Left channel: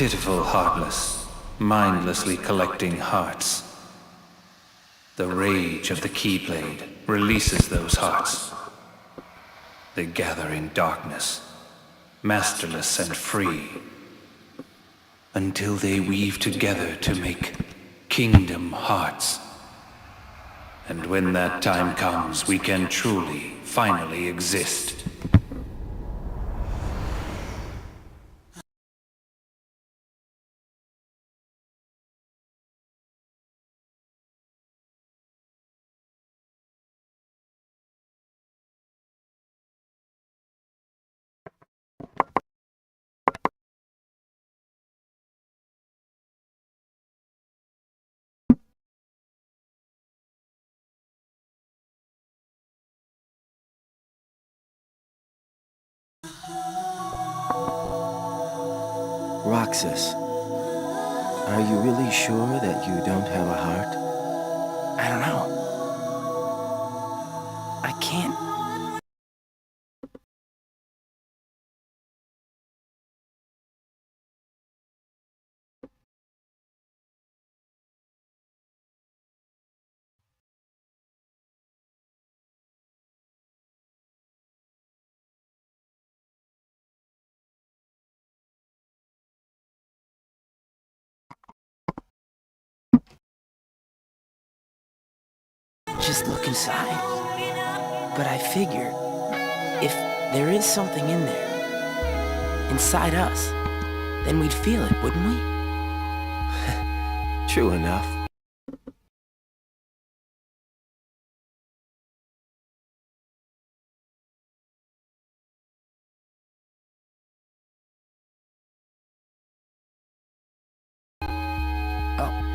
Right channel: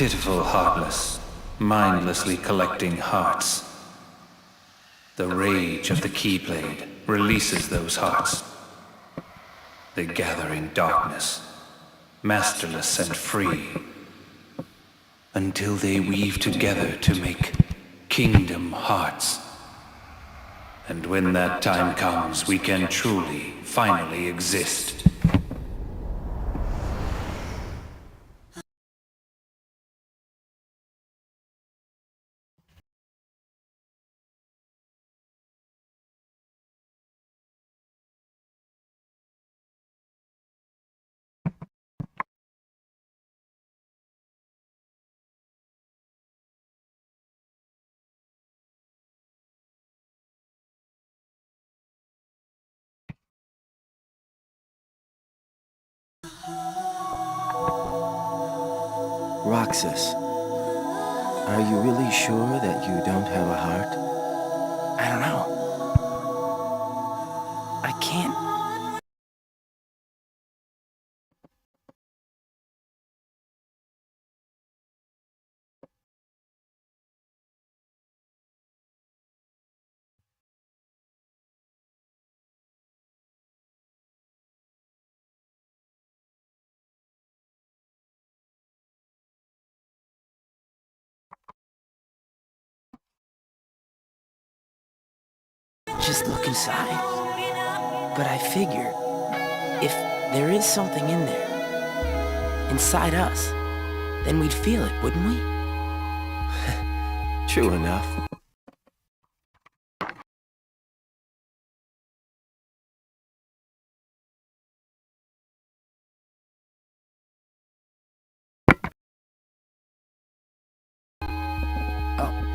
Pitiful, heartless, mindlessly collecting hearts. The rage of the Keyblade releases those hearts. They gather in darkness, masterless and free, until they weave together to make Kingdom Hearts. And when that time comes, we can truly, finally exist. Roxas, are you really sure that you don't have a heart? I don't know. I can't. Just look inside. But I figure, if there is something in there, inside us, then we'd feel it, wouldn't we? True enough. Oh,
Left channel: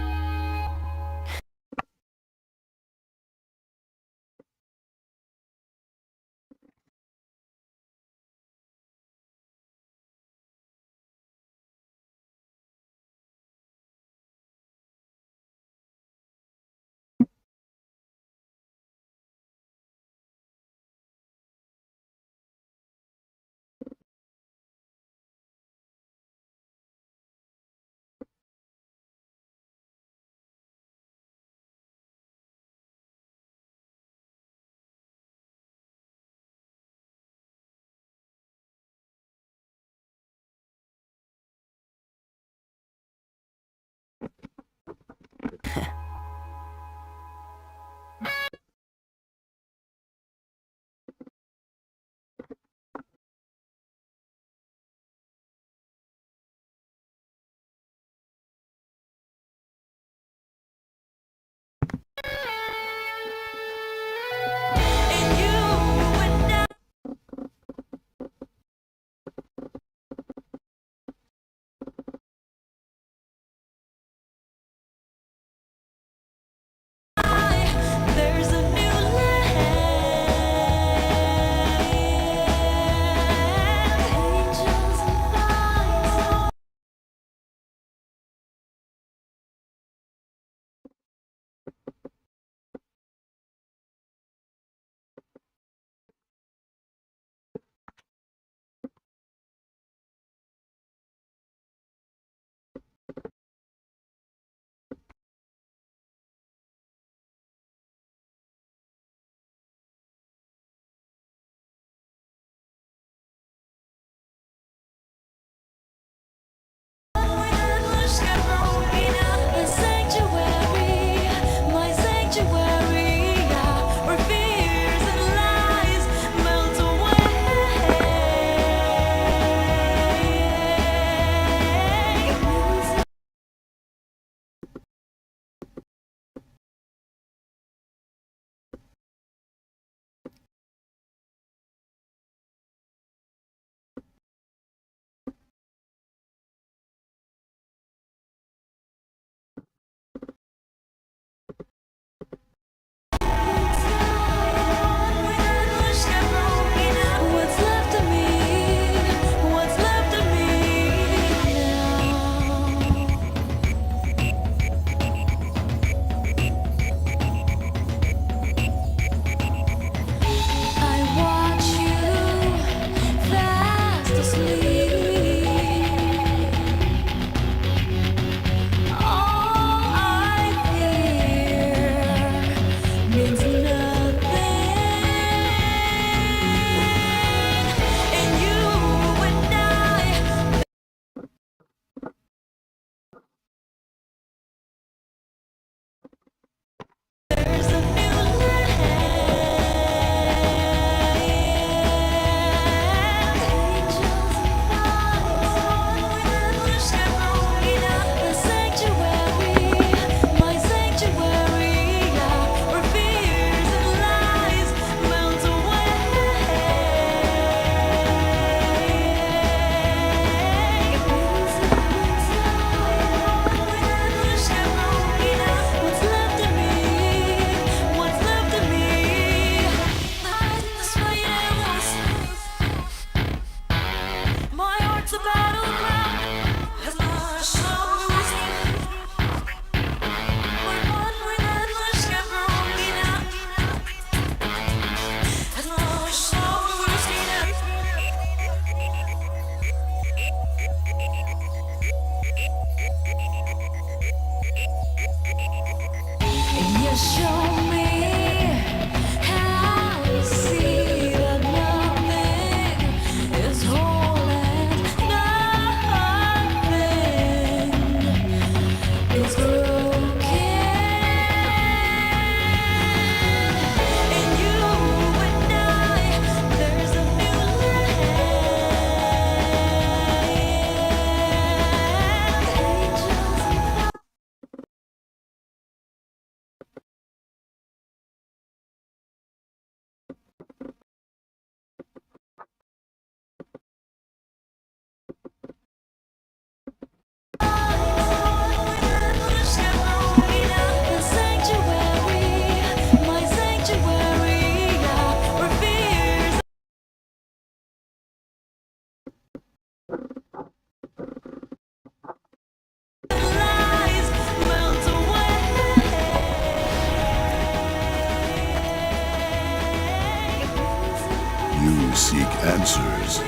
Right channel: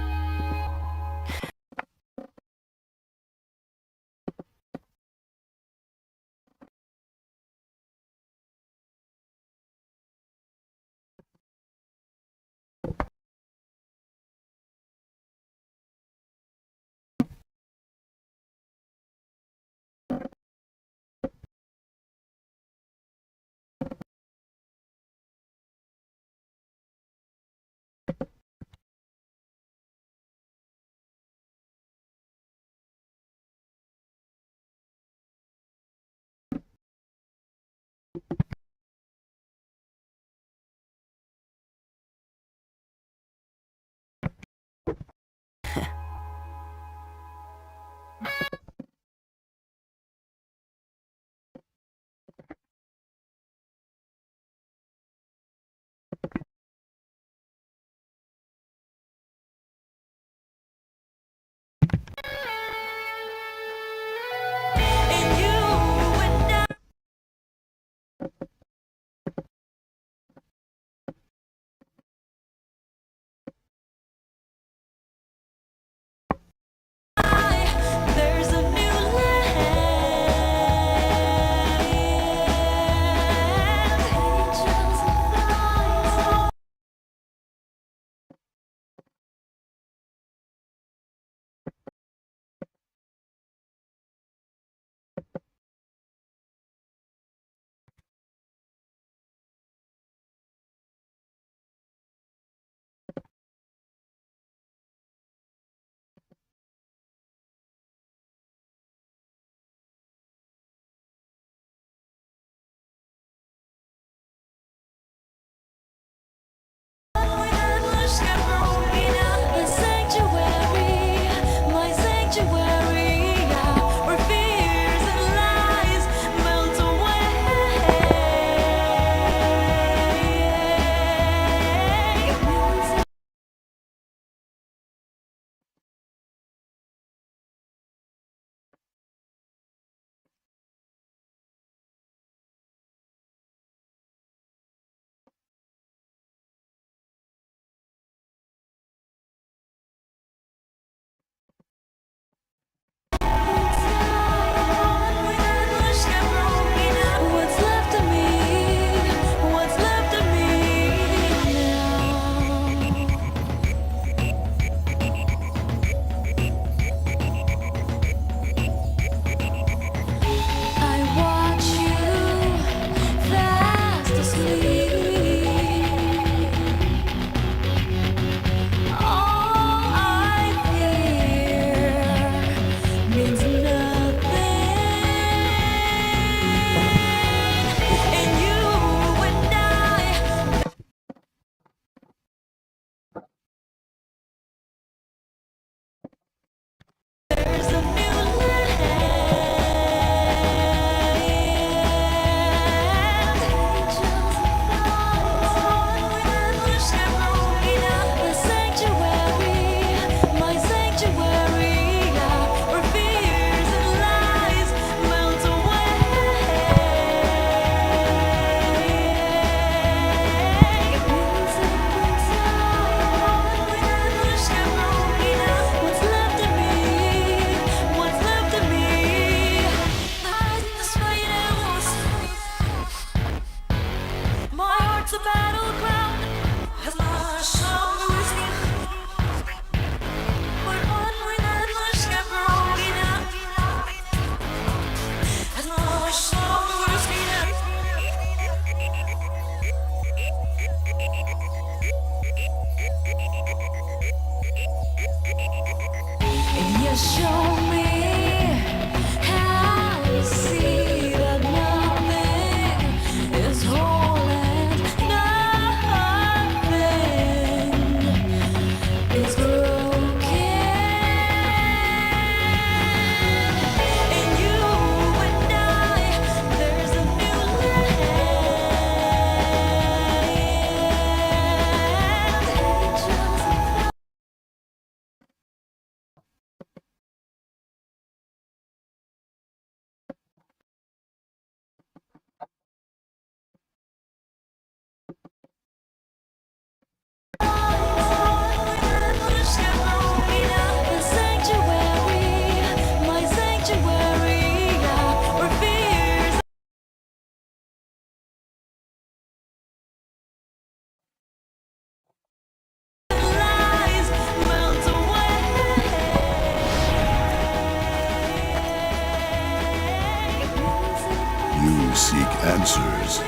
answers.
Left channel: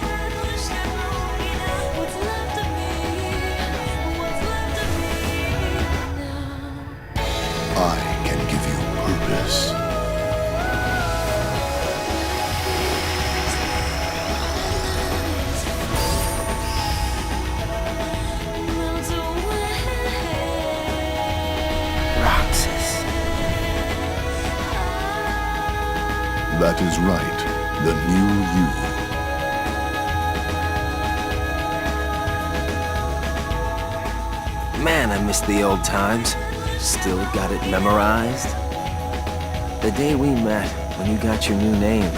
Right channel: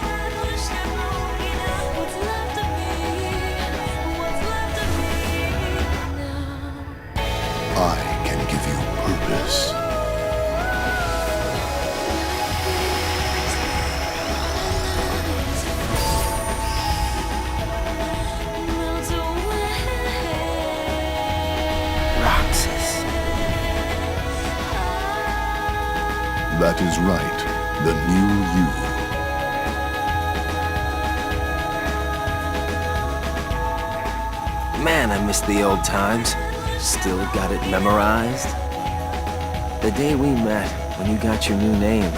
I can give you purpose. Roxas. That is right. The new you. Man, I miss the old times. Still got it memorized. The day we met, when you got your new name.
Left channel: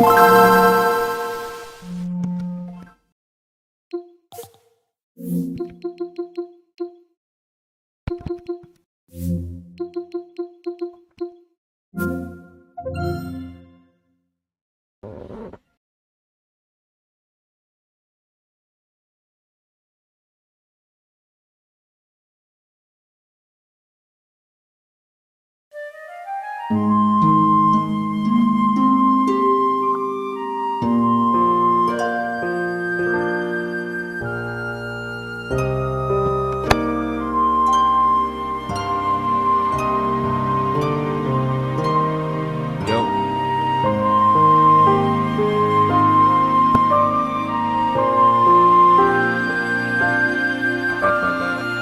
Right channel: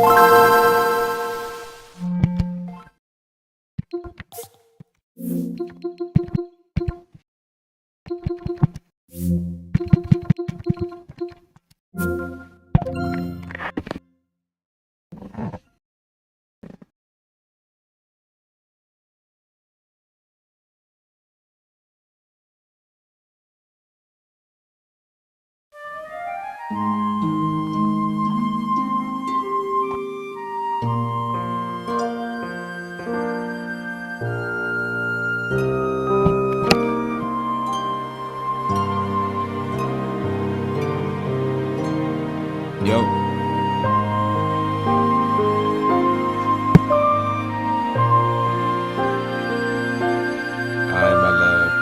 Yo. Alright, my love.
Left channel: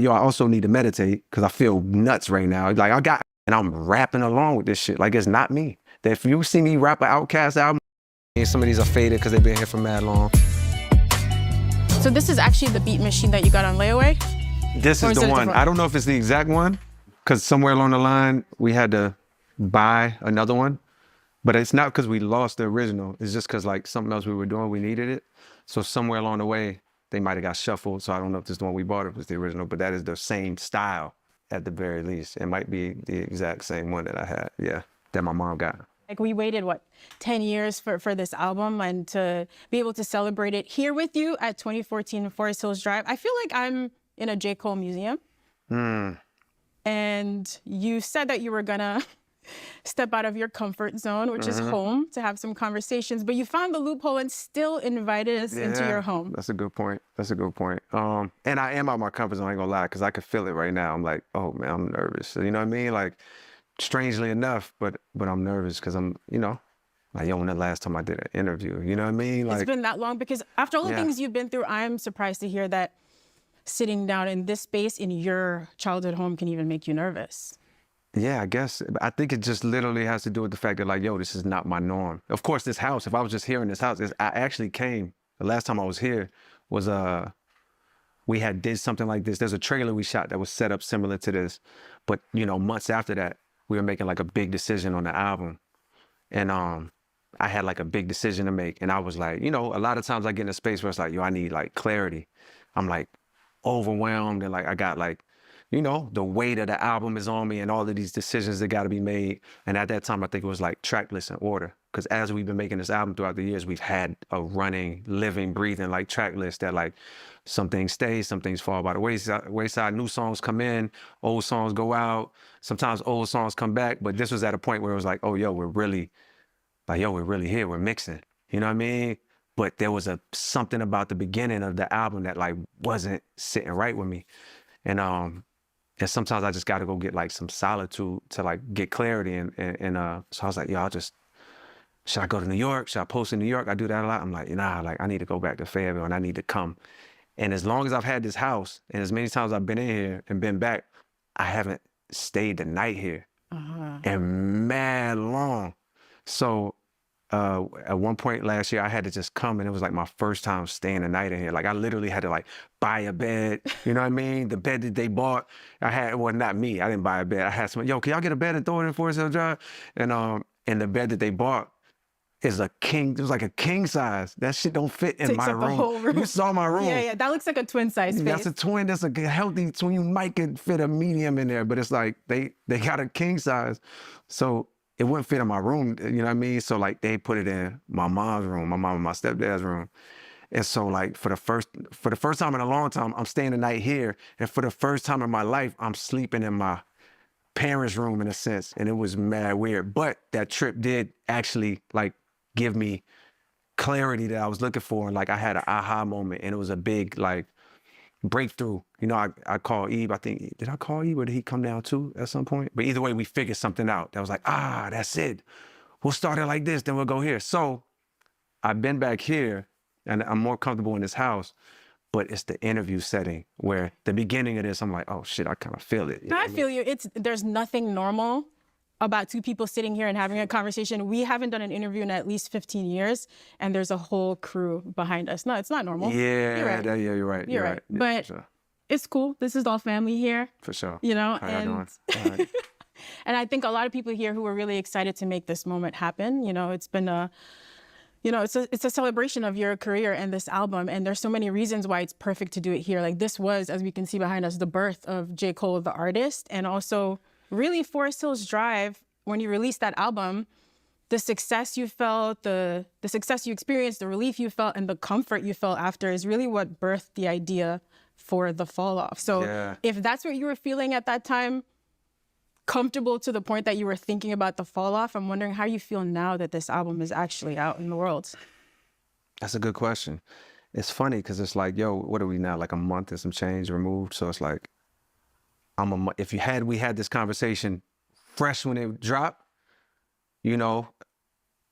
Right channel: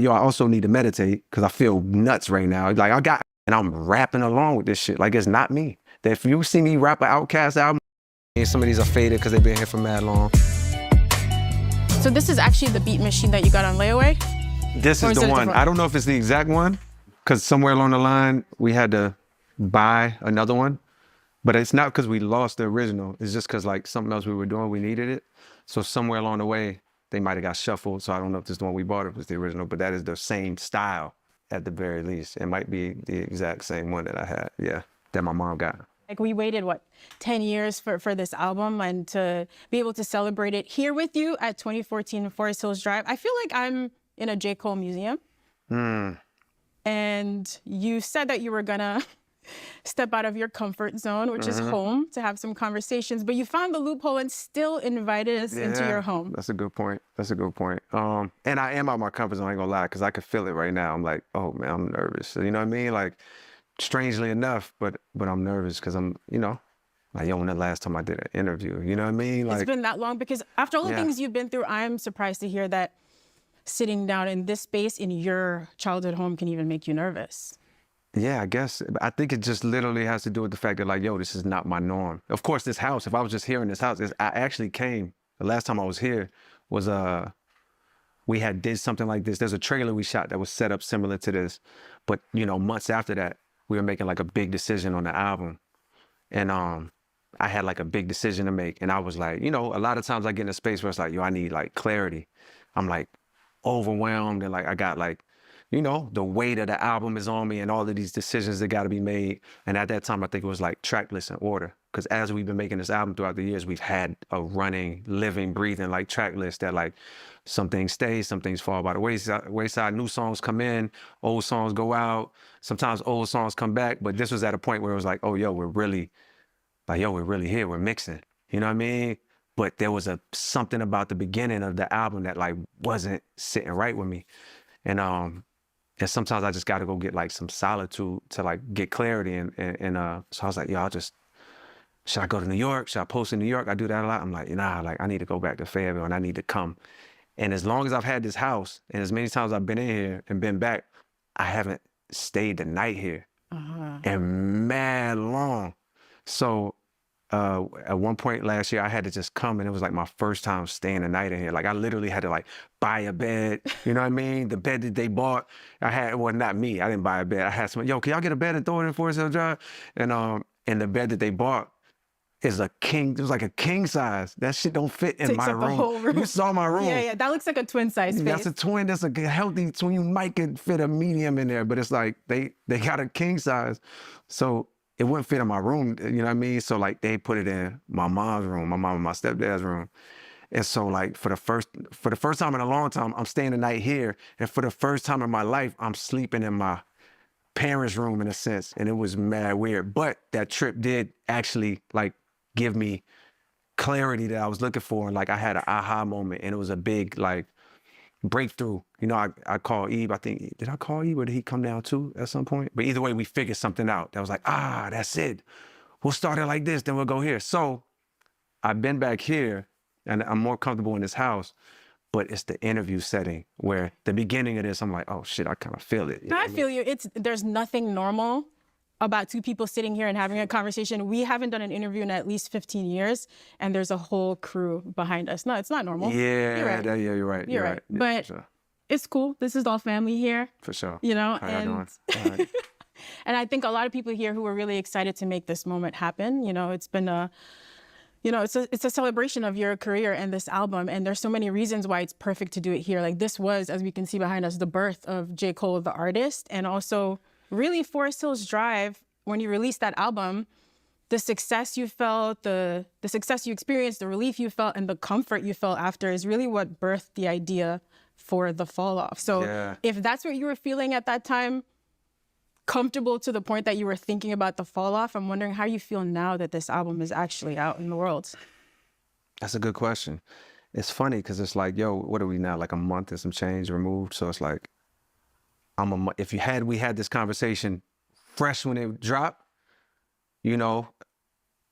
yo, I also need to meditate because I feel nuts right now. Like and I'm rapping along with this shit. Like it's not me. That if you see me rap an Outkast album, and some of these are faded because they've been here for mad long. So this is actually the beat machine that you got on layaway? This is the one. I don't know if it's the exact one because somewhere along the line we had to buy another one, but it's not because we lost the original. It's just because like something else we were doing, we needed it. So somewhere along the way, they might have got shuffled. So I don't know if this is the one we bought or if it's the original, but that is the same style at the very least. It might be the exact same one that I had, yeah, that my mom got. Like we waited, what, 10 years for this album, and to be able to celebrate it here with you at 2014 Forest Hills Drive. I feel like I'm in a J. Cole museum. And you said that you were gonna step out of your comfort zone, which is home, to have some conversations, but you found the loophole and still invited us into your home. That's a good point. That's a good point. And I am out of my comfort zone, I ain't gonna lie, because I could feel it right now. I'm like, oh man, I'm nervous. You know what I mean? Like, strangely enough, but I'm nervous because I'm, you know, like, yo, when the last time I did an interview, you know what I mean? Like, it's been that long, because after all the things you've been through, I'm surprised to hear that sitting down in this space in your childhood home can even make you nervous. Yeah, I guess. I think it just literally has to do with the fact that, like, yo, this is not my norm. Of course, this house, if I was just here in this house, I actually came, the last time I was here was, we had did something like this. There's a trailer we shot that was set up similar to this. But, you know, months after that, we were making like a big decision on the album. And I had like a big decision to make. And I was like, you know, a lot of times I get in a space where it's like, yo, I need like clarity. I'm like overwhelmed and like I got like, you know, the weight of the album is on me and all of these decisions that got to be made. And at that time, I think it was like track list in order. Because as we've been making this album throughout the years, we've had a running, living, breathing like track list that like some things stay, some things fall by the wayside. New songs come in, old songs go out. Sometimes old songs come back. But this was at a point where it was like, oh, yo, we're really here. We're mixing. You know what I mean? But there was something about the beginning of the album that like wasn't sitting right with me. And sometimes I just got to go get like some solitude to like get clarity. And so I was like, yo, should I go to New York? Should I post in New York? I do that a lot. I'm like, nah, like I need to go back to Fayetteville and I need to come. And as long as I've had this house and as many times I've been in here and been back, I haven't stayed the night here and mad long. So at one point last year, I had to just come and it was like my first time staying the night in here. Like I literally had to like buy a bed, you know what I mean? The bed that they bought, well, not me, I didn't buy a bed. I had someone, yo, can y'all get a bed and throw it in Forest Hills Drive? And the bed that they bought is it was like a king size. That shit don't fit in my room. The whole room. You saw my room. Yeah, that looks like a twin size space. That's a twin, that's a healthy twin. You might could fit a medium in there, but it's like they got a king size. So it wouldn't fit in my room, you know what I mean? So like they put it in my mom's room, my mom and my stepdad's room. And so like for the first time in a long time, I'm staying the night here. And for the first time in my life, I'm sleeping in my parents' room in a sense. And it was mad weird. But that trip did actually like give me clarity that I was looking for. And like I had an aha moment and it was a big like breakthrough. You know, I called Eve, I think, did I call Eve or did he come down too at some point? But either way, we figured something out. That was like, that's it. We'll start it like this, then we'll go here. So I've been back here and I'm more comfortable in this house, but it's the interview setting where the beginning of this, I'm like, oh shit, I kind of feel it. I feel you. There's nothing normal about two people sitting here and having a conversation. We haven't done an interview in at least 15 years, and there's a whole crew behind us. No, it's not normal. Yeah, you're right. You're right. You're right. Yeah, but sure. It's cool. This is all family here. For sure. You know, How y'all doing? All right. And I think a lot of people here who are really excited to make this moment happen. You know, it's been it's a celebration of your career and this album, and there's so many reasons why it's perfect to do it here. Like this was, as we can see behind us, the birth of J. Cole, the artist, and also really Forest Hills Drive. When you released that album, the success you felt, the success you experienced, the relief you felt, and the comfort you felt after is really what birthed the idea for The Fall Off. So if that's what you were feeling at that time, comfortable to the point that you were thinking about The Fall Off, I'm wondering how you feel now that this album is actually out in the world. That's a good question. It's funny because it's like, yo, what are we now? Like a month and some change removed. So it's like, we had this conversation fresh when it dropped, you know,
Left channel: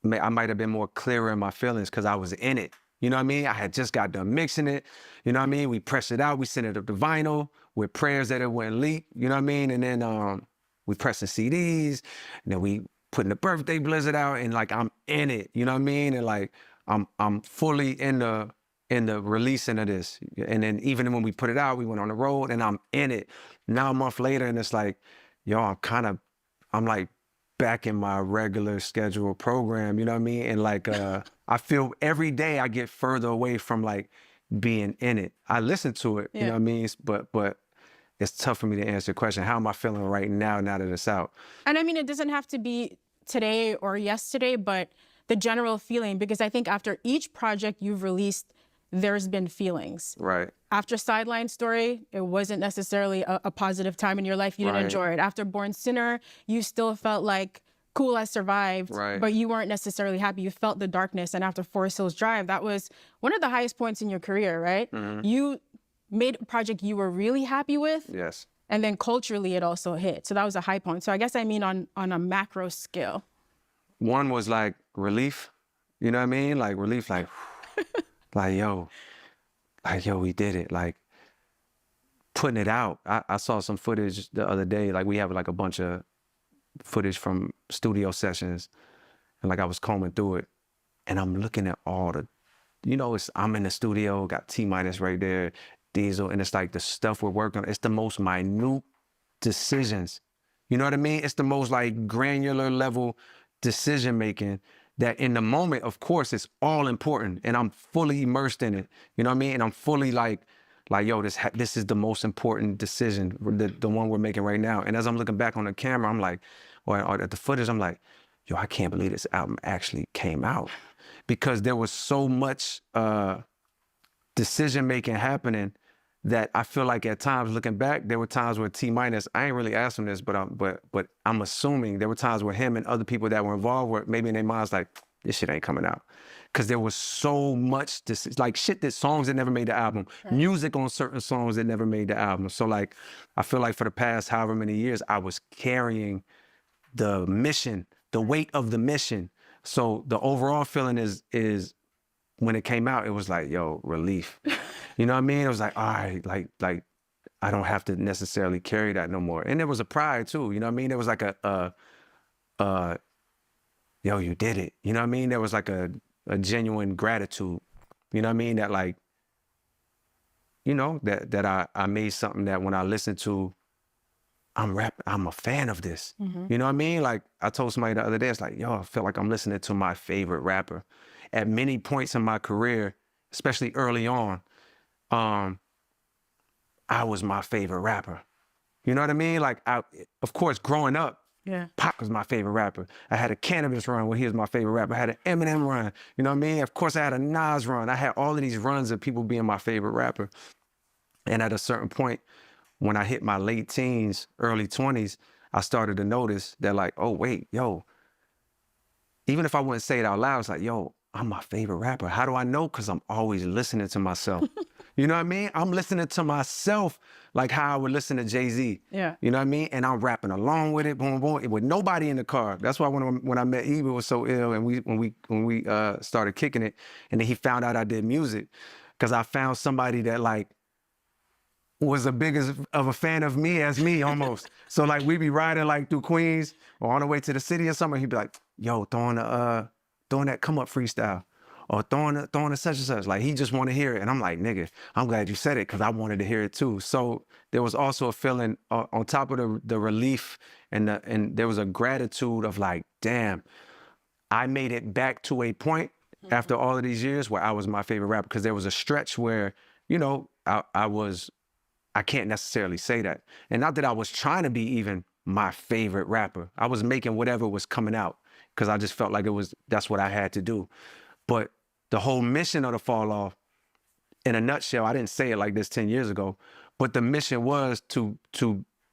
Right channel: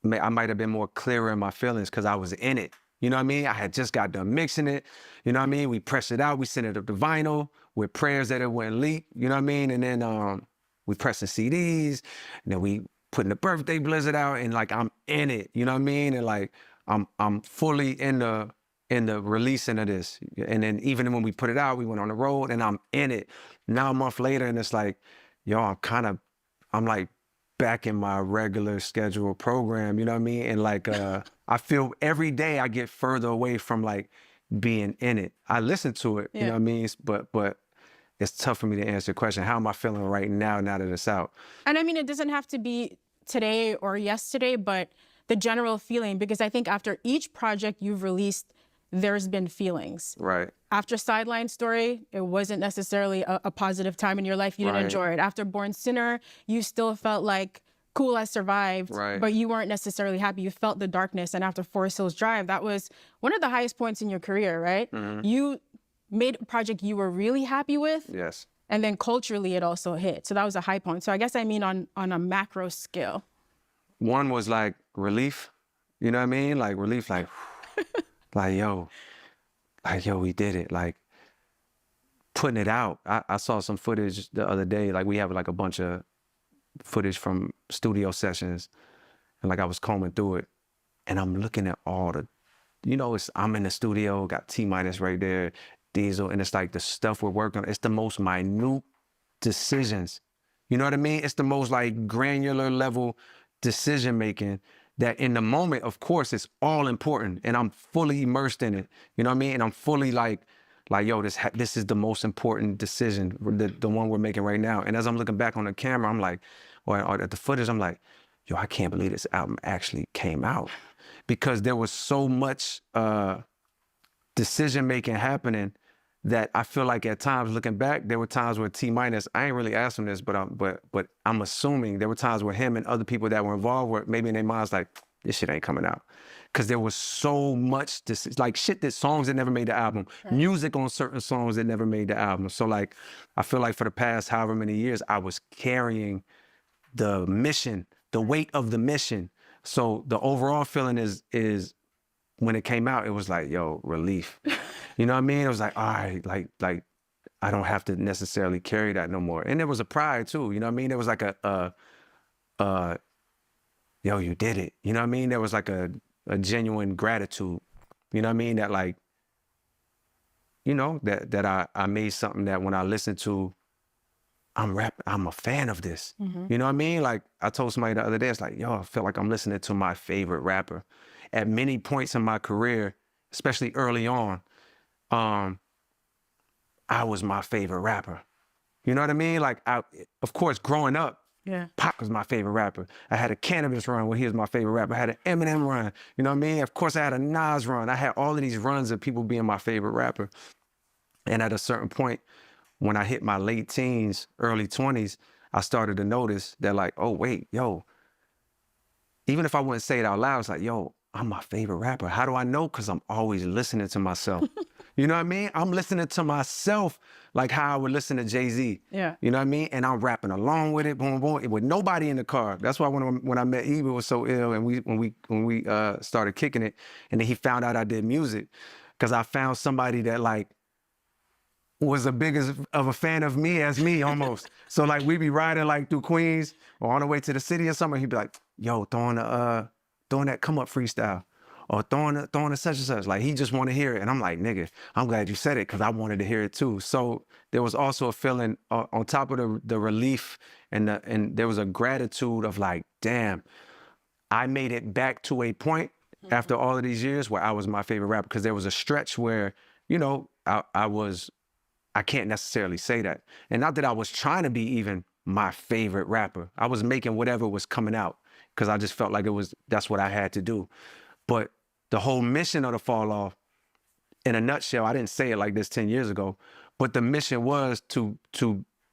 I might have been more clearer in my feelings because I was in it. You know what I mean? I had just got done mixing it. You know what I mean? We pressed it out. We sent it up to vinyl with prayers that it wouldn't leak. You know what I mean? And then we pressing CDs. And then we putting the birthday blizzard out. And like, I'm in it. You know what I mean? And like, I'm fully in the releasing of this. And then even when we put it out, we went on the road and I'm in it. Now a month later, and it's like, yo, I'm like back in my regular scheduled program, you know what I mean? And like, I feel every day I get further away from like being in it. I listen to it, you know what I mean? But it's tough for me to answer the question. How am I feeling right now that it's out? And I mean, it doesn't have to be today or yesterday, but the general feeling, because I think after each project you've released, there's been feelings. Right. After Sideline Story, it wasn't necessarily a positive time in your life. You didn't enjoy it. After Born Sinner, you still felt like, cool, I survived, but you weren't necessarily happy. You felt the darkness. And after Forest Hills Drive, that was one of the highest points in your career, right? You made a project you were really happy with. Yes. And then culturally, it also hit. So that was a high point. So I guess I mean on a macro scale. One was like relief, you know what I mean? Like relief, like, like, yo, we did it. Like putting it out. I saw some footage the other day. Like we have like a bunch of footage from studio sessions. And like I was combing through it and I'm looking at all the, you know, I'm in the studio, got T-Minus right there, Diesel. And it's like the stuff we're working on. It's the most minute decisions. You know what I mean? It's the most like granular level decision-making that in the moment, of course, it's all important and I'm fully immersed in it. You know what I mean? And I'm fully like, yo, this is the most important decision, the one we're making right now. And as I'm looking back on the camera, I'm like, or at the footage, I'm like, yo, I can't believe this album actually came out. Because there was so much decision-making happening that I feel like at times looking back, there were times where T-Minus, I ain't really asked him this, but I'm assuming there were times where him and other people that were involved were maybe in their minds like, this shit ain't coming out. Cause there was so much, like shit that songs that never made the album, music on certain songs that never made the album. So like, I feel like for the past however many years, I was carrying the mission, the weight of the mission. So the overall feeling is when it came out, it was like, yo, relief. You know what I mean? It was like, all right, like I don't have to necessarily carry that no more. And there was a pride too, you know what I mean? There was like yo, you did it. You know what I mean? There was like a genuine gratitude, you know what I mean? That like, you know, that I made something that when I listen to, I'm a fan of this. You know what I mean? Like I told somebody the other day, it's like, yo, I feel like I'm listening to my favorite rapper. At many points in my career, especially early on, I was my favorite rapper. You know what I mean? Like, of course, growing up, Pac was my favorite rapper. I had a Cannabis run where he was my favorite rapper. I had an Eminem run. You know what I mean? Of course, I had a Nas run. I had all of these runs of people being my favorite rapper. And at a certain point, when I hit my late teens, early 20s, I started to notice that like, oh, wait, yo, even if I wouldn't say it out loud, it's like, yo, I'm my favorite rapper. How do I know? Because I'm always listening to myself. You know what I mean? I'm listening to myself like how I would listen to Jay-Z. Yeah. You know what I mean? And I'm rapping along with it, boom, boom, with nobody in the car. That's why when I met Eva, it was so ill, and when we started kicking it, and then he found out I did music, because I found somebody that like was as big of a fan of me as me almost. So like we be riding like through Queens or on the way to the city or something. He'd be like, yo, throwing that come up freestyle or throwing the such and such. Like he just want to hear it. And I'm like, nigga, I'm glad you said it because I wanted to hear it too. So there was also a feeling on top of the relief and there was a gratitude of like, damn, I made it back to a point after all of these years where I was my favorite rapper, because there was a stretch where, you know, I can't necessarily say that. And not that I was trying to be even my favorite rapper. I was making whatever was coming out because I just felt like that's what I had to do. But the whole mission of the Fall Off, in a nutshell, I didn't say it like this 10 years ago, but the mission was to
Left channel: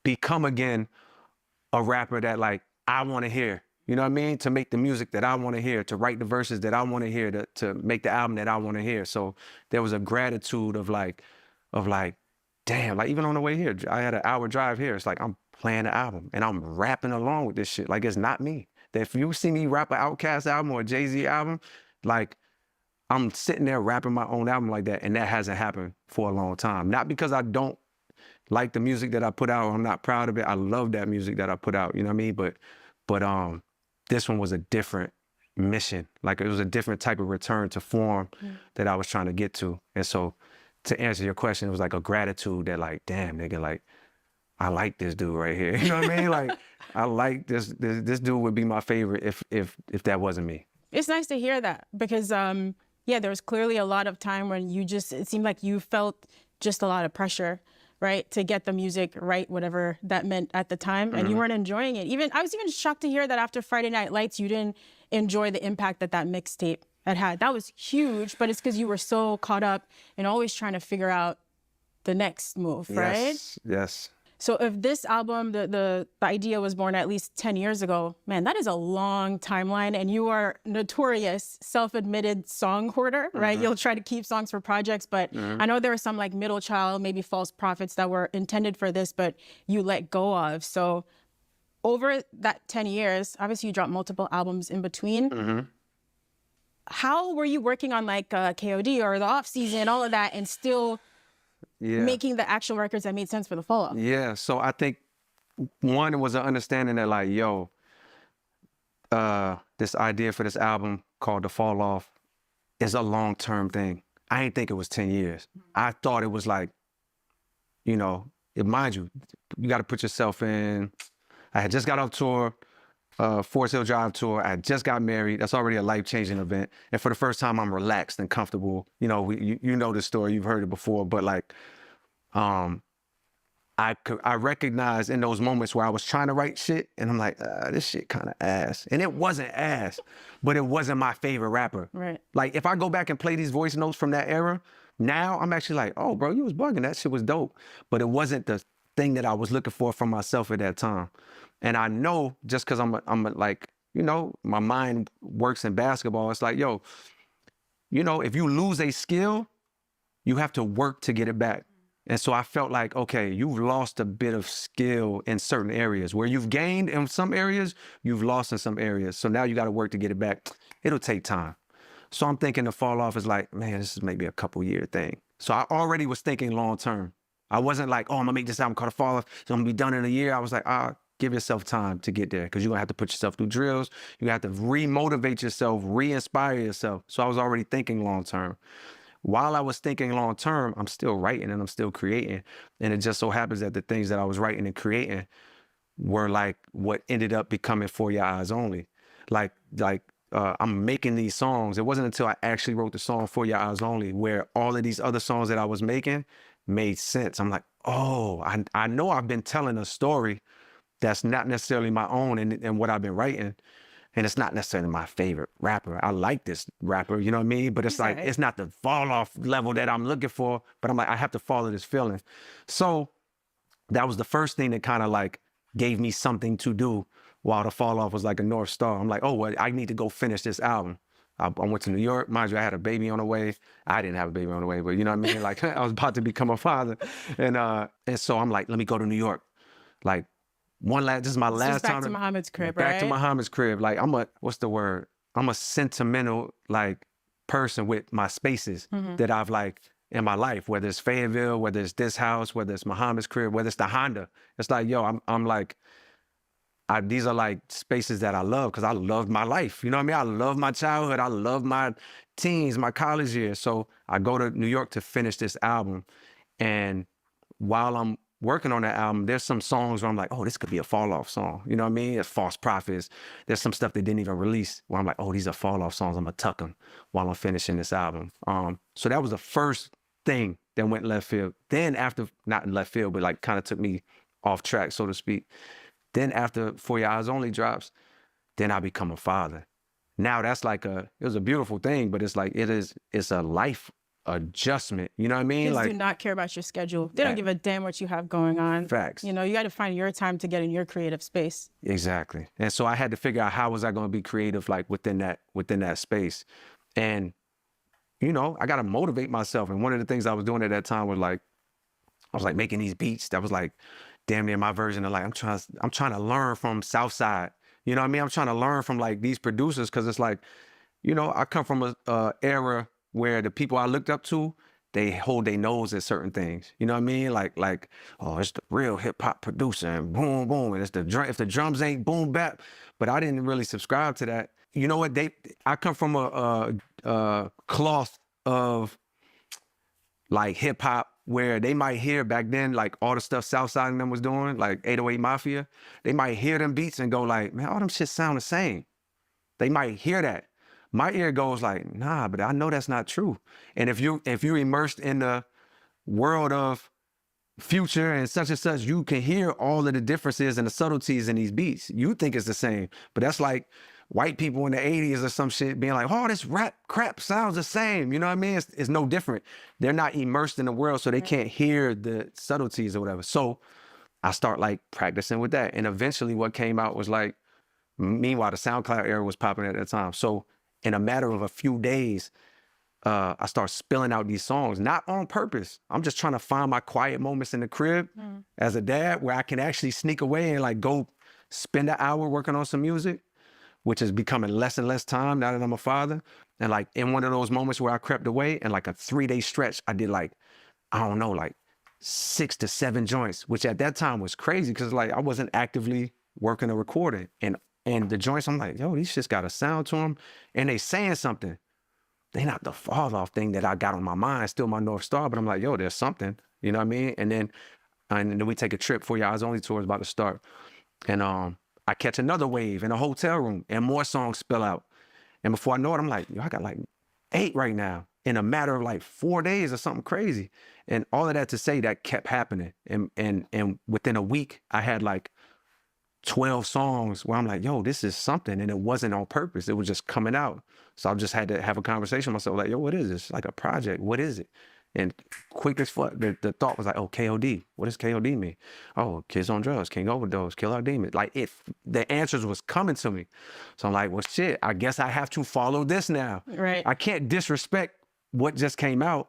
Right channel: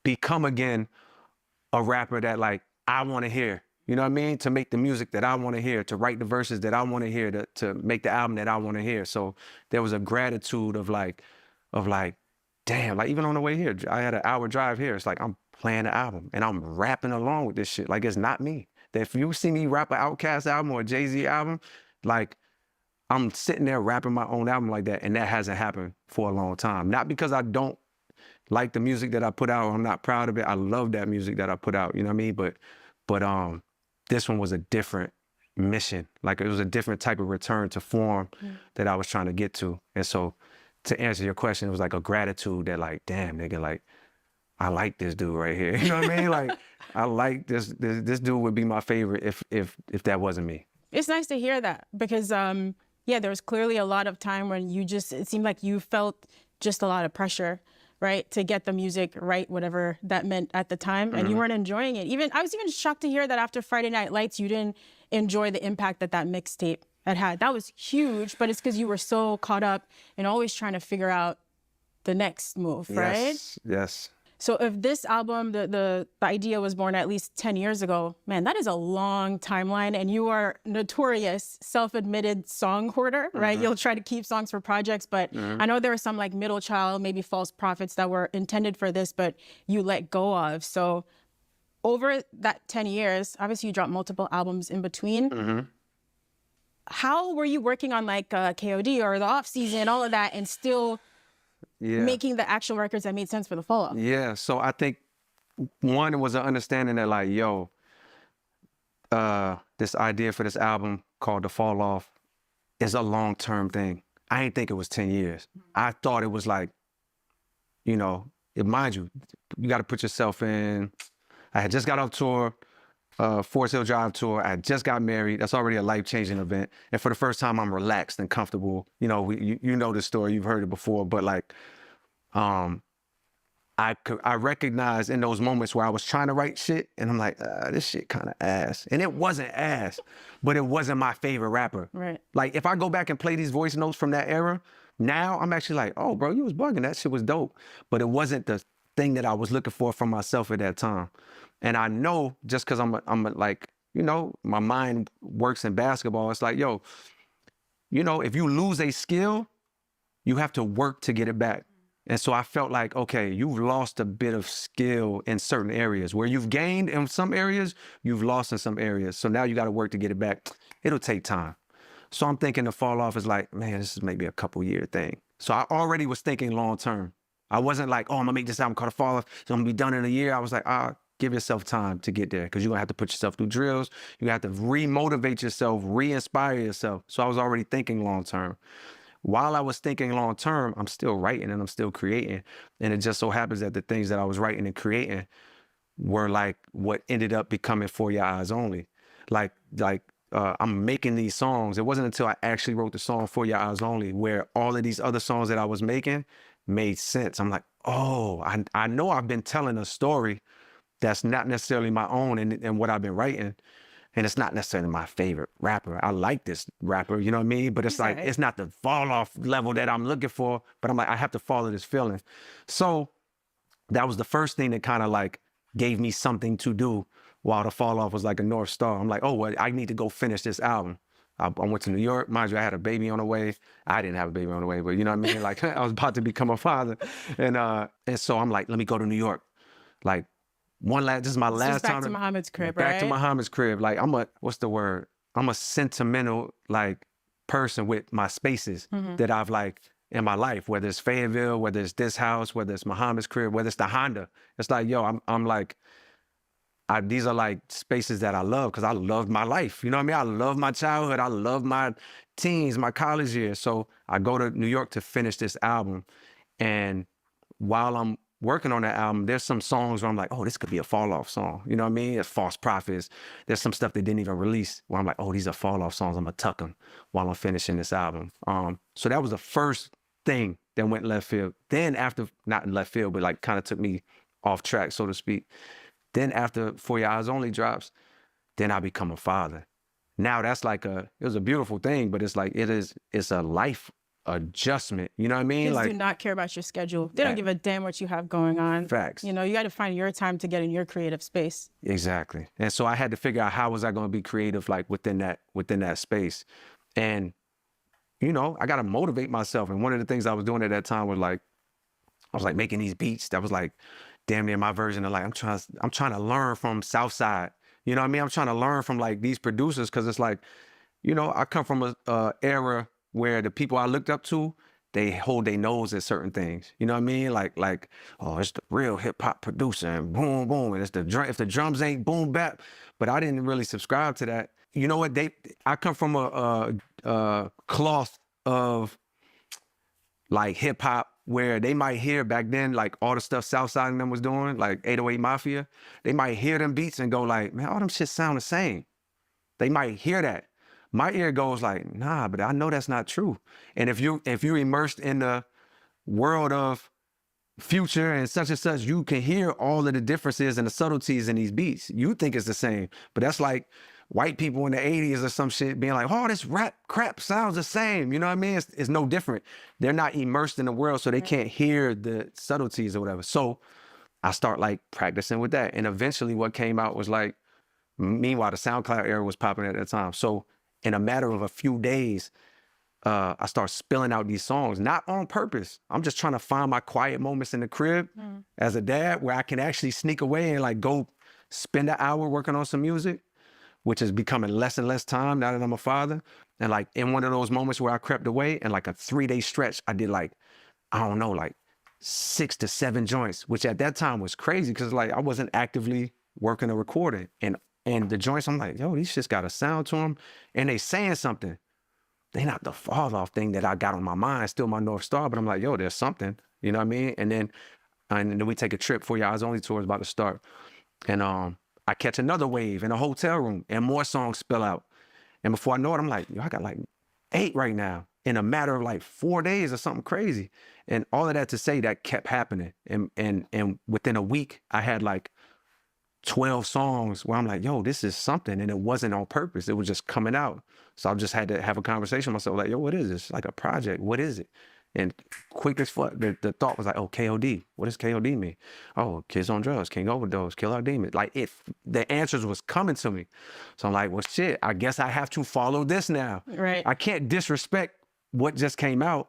become again a rapper that like I want to hear. You know what I mean? To make the music that I want to hear, to write the verses that I want to hear, to make the album that I want to hear. So there was a gratitude of like, damn, like even on the way here, I had an hour drive here. It's like I'm playing the album and I'm rapping along with this shit. Like it's not me. That if you see me rap an Outkast album or a Jay-Z album, like I'm sitting there rapping my own album like that, and that hasn't happened for a long time. Not because I don't like the music that I put out, or I'm not proud of it. I love that music that I put out, you know what I mean? But this one was a different mission. Like, it was a different type of return to form that I was trying to get to. And so to answer your question, it was like a gratitude that, like, damn, nigga, like, I like this dude right here. You know what I mean? Like, I like this dude would be my favorite if that wasn't me. It's nice to hear that because, yeah, there was clearly a lot of time when it seemed like you felt just a lot of pressure, right, to get the music right, whatever that meant at the time, and you weren't enjoying it. I was even shocked to hear that after Friday Night Lights, you didn't enjoy the impact that mixtape had. That was huge, but it's because you were so caught up in always trying to figure out the next move, right? Yes. So if this album, the idea was born at least 10 years ago, man, that is a long timeline. And you are notorious self-admitted song hoarder, right? You'll try to keep songs for projects, but I know there were some like Middle Child, maybe False Prophets that were intended for this, but you let go of. So over that 10 years, obviously you dropped multiple albums in between. How were you working on like KOD or the Off Season, all of that, and still making the actual records that made sense for the Fall Off? Yeah, so I think one was an understanding that, like, yo, this idea for this album called The Fall Off is a long-term thing. I didn't think it was 10 years. I thought it was like, you know, mind you, you got to put yourself in. I had just got off tour, Forest Hill Drive tour. I had just got married. That's already a life-changing event. And for the first time, I'm relaxed and comfortable. You know, you know the story. You've heard it before. But, like, I recognized in those moments where I was trying to write shit, and I'm like, this shit kind of ass. And it wasn't ass, but it wasn't my favorite rapper. Right. Like, if I go back and play these voice notes from that era, now I'm actually like, oh, bro, you was bugging. That shit was dope. But it wasn't the thing that I was looking for from myself at that time. And I know just because I'm like, you know, my mind works in basketball. It's like, yo, you know, if you lose a skill, you have to work to get it back. And so I felt like, okay, you've lost a bit of skill in certain areas. Where you've gained in some areas, you've lost in some areas. So now you got to work to get it back. It'll take time. So I'm thinking The Fall Off is like, man, this is maybe a couple-year thing. So I already was thinking long-term. I wasn't like, oh, I'm going to make this album called The Fall Off, so I'm going to be done in a year. I was like, give yourself time to get there, because you're going to have to put yourself through drills. You have to re-motivate yourself, re-inspire yourself. So I was already thinking long-term. While I was thinking long-term, I'm still writing and I'm still creating. And it just so happens that the things that I was writing and creating were like what ended up becoming For Your Eyes Only. Like I'm making these songs. It wasn't until I actually wrote the song For Your Eyes Only where all of these other songs that I was making made sense. I'm like, oh, I know I've been telling a story that's not necessarily my own and what I've been writing. And it's not necessarily my favorite rapper. I like this rapper, you know what I mean? But it's like, it's not the fall off level that I'm looking for, but I'm like, I have to follow this feeling. So that was the first thing that kind of like gave me something to do while The Fall Off was like a North Star. I'm like, oh, well, I need to go finish this album. I went to New York. Mind you, I had a baby on the way. I didn't have a baby on the way, but you know what I mean? Like I was about to become a father. And so I'm like, let me go to New York. Like, this is my last time. Back to Muhammad's crib, Back right? to Muhammad's crib. Like I'm a sentimental like person with my spaces that I've like in my life, whether it's Fayetteville, whether it's this house, whether it's Muhammad's crib, whether it's the Honda. It's like, yo, I'm like, these are like spaces that I love because I loved my life. You know what I mean? I love my childhood. I love my teens, my college years. So I go to New York to finish this album. And while I'm working on that album, there's some songs where I'm like, oh, this could be a Fall Off song. You know what I mean? It's False Prophets. There's some stuff they didn't even release where I'm like, oh, these are Fall Off songs. I'm gonna tuck them while I'm finishing this album. So that was the first thing that went left field. Then after, not in left field, but like kind of took me off track, so to speak. Then after For Your Eyes Only drops, then I become a father. Now that's like it was a beautiful thing, but it's like, it's a life adjustment. You know what I mean? Kids like, do not care about your schedule. They don't give a damn what you have going on. Facts. You know, you got to find your time to get in your creative space. Exactly. And so I had to figure out how was I going to be creative, like within that space. And, you know, I got to motivate myself. And one of the things I was doing at that time was like, I was like making these beats that was like damn near my version of like, I'm trying to learn from Southside. You know what I mean? I'm trying to learn from like these producers. Cause it's like, you know, I come from a era where the people I looked up to, they hold their nose at certain things. You know what I mean? Like, oh, it's the real hip hop producer and boom, boom. And it's the drum, if the drums ain't boom bap. But I didn't really subscribe to that. You know what? I come from a cloth of like hip hop where they might hear back then, like all the stuff Southside and them was doing, like 808 Mafia. They might hear them beats and go like, man, all them shit sound the same. They might hear that. My ear goes like, nah, but I know that's not true. And if you're immersed in the world of Future and such, you can hear all of the differences and the subtleties in these beats. You think it's the same, but that's like white people in the 80s or some shit being like, oh, this rap crap sounds the same. You know what I mean? It's no different. They're not immersed in the world, so they can't hear the subtleties or whatever. So I start like practicing with that. And eventually what came out was like, meanwhile, the SoundCloud era was popping at that time. So in a matter of a few days, I start spilling out these songs, not on purpose. I'm just trying to find my quiet moments in the crib as a dad where I can actually sneak away and like go spend an hour working on some music, which is becoming less and less time now that I'm a father. And like in one of those moments where I crept away, and like a 3-day stretch, I did like, I don't know, like 6 to 7 joints, which at that time was crazy because like I wasn't actively working or recording. And the joints, I'm like, yo, these shits got a sound to them and they saying something. They not the fall off thing that I got on my mind, still my North Star, but I'm like, yo, there's something, you know what I mean? And then we take a trip for your Eyes Only tour is about to start. And I catch another wave in a hotel room and more songs spill out. And before I know it, I'm like, yo, I got like 8 right now in a matter of like 4 days or something crazy. And all of that to say that kept happening. And within a week, I had like 12 songs where I'm like, yo, this is something. And it wasn't on purpose. It was just coming out. So I just had to have a conversation with myself like, yo, what is this? Like a project. What is it? And quick as fuck, the thought was like, oh, KOD. What does KOD mean? Oh, Kids on Drugs, King Overdose, Kill Our Demons. Like the answers was coming to me. So I'm like, well, shit, I guess I have to follow this now. Right. I can't disrespect what just came out.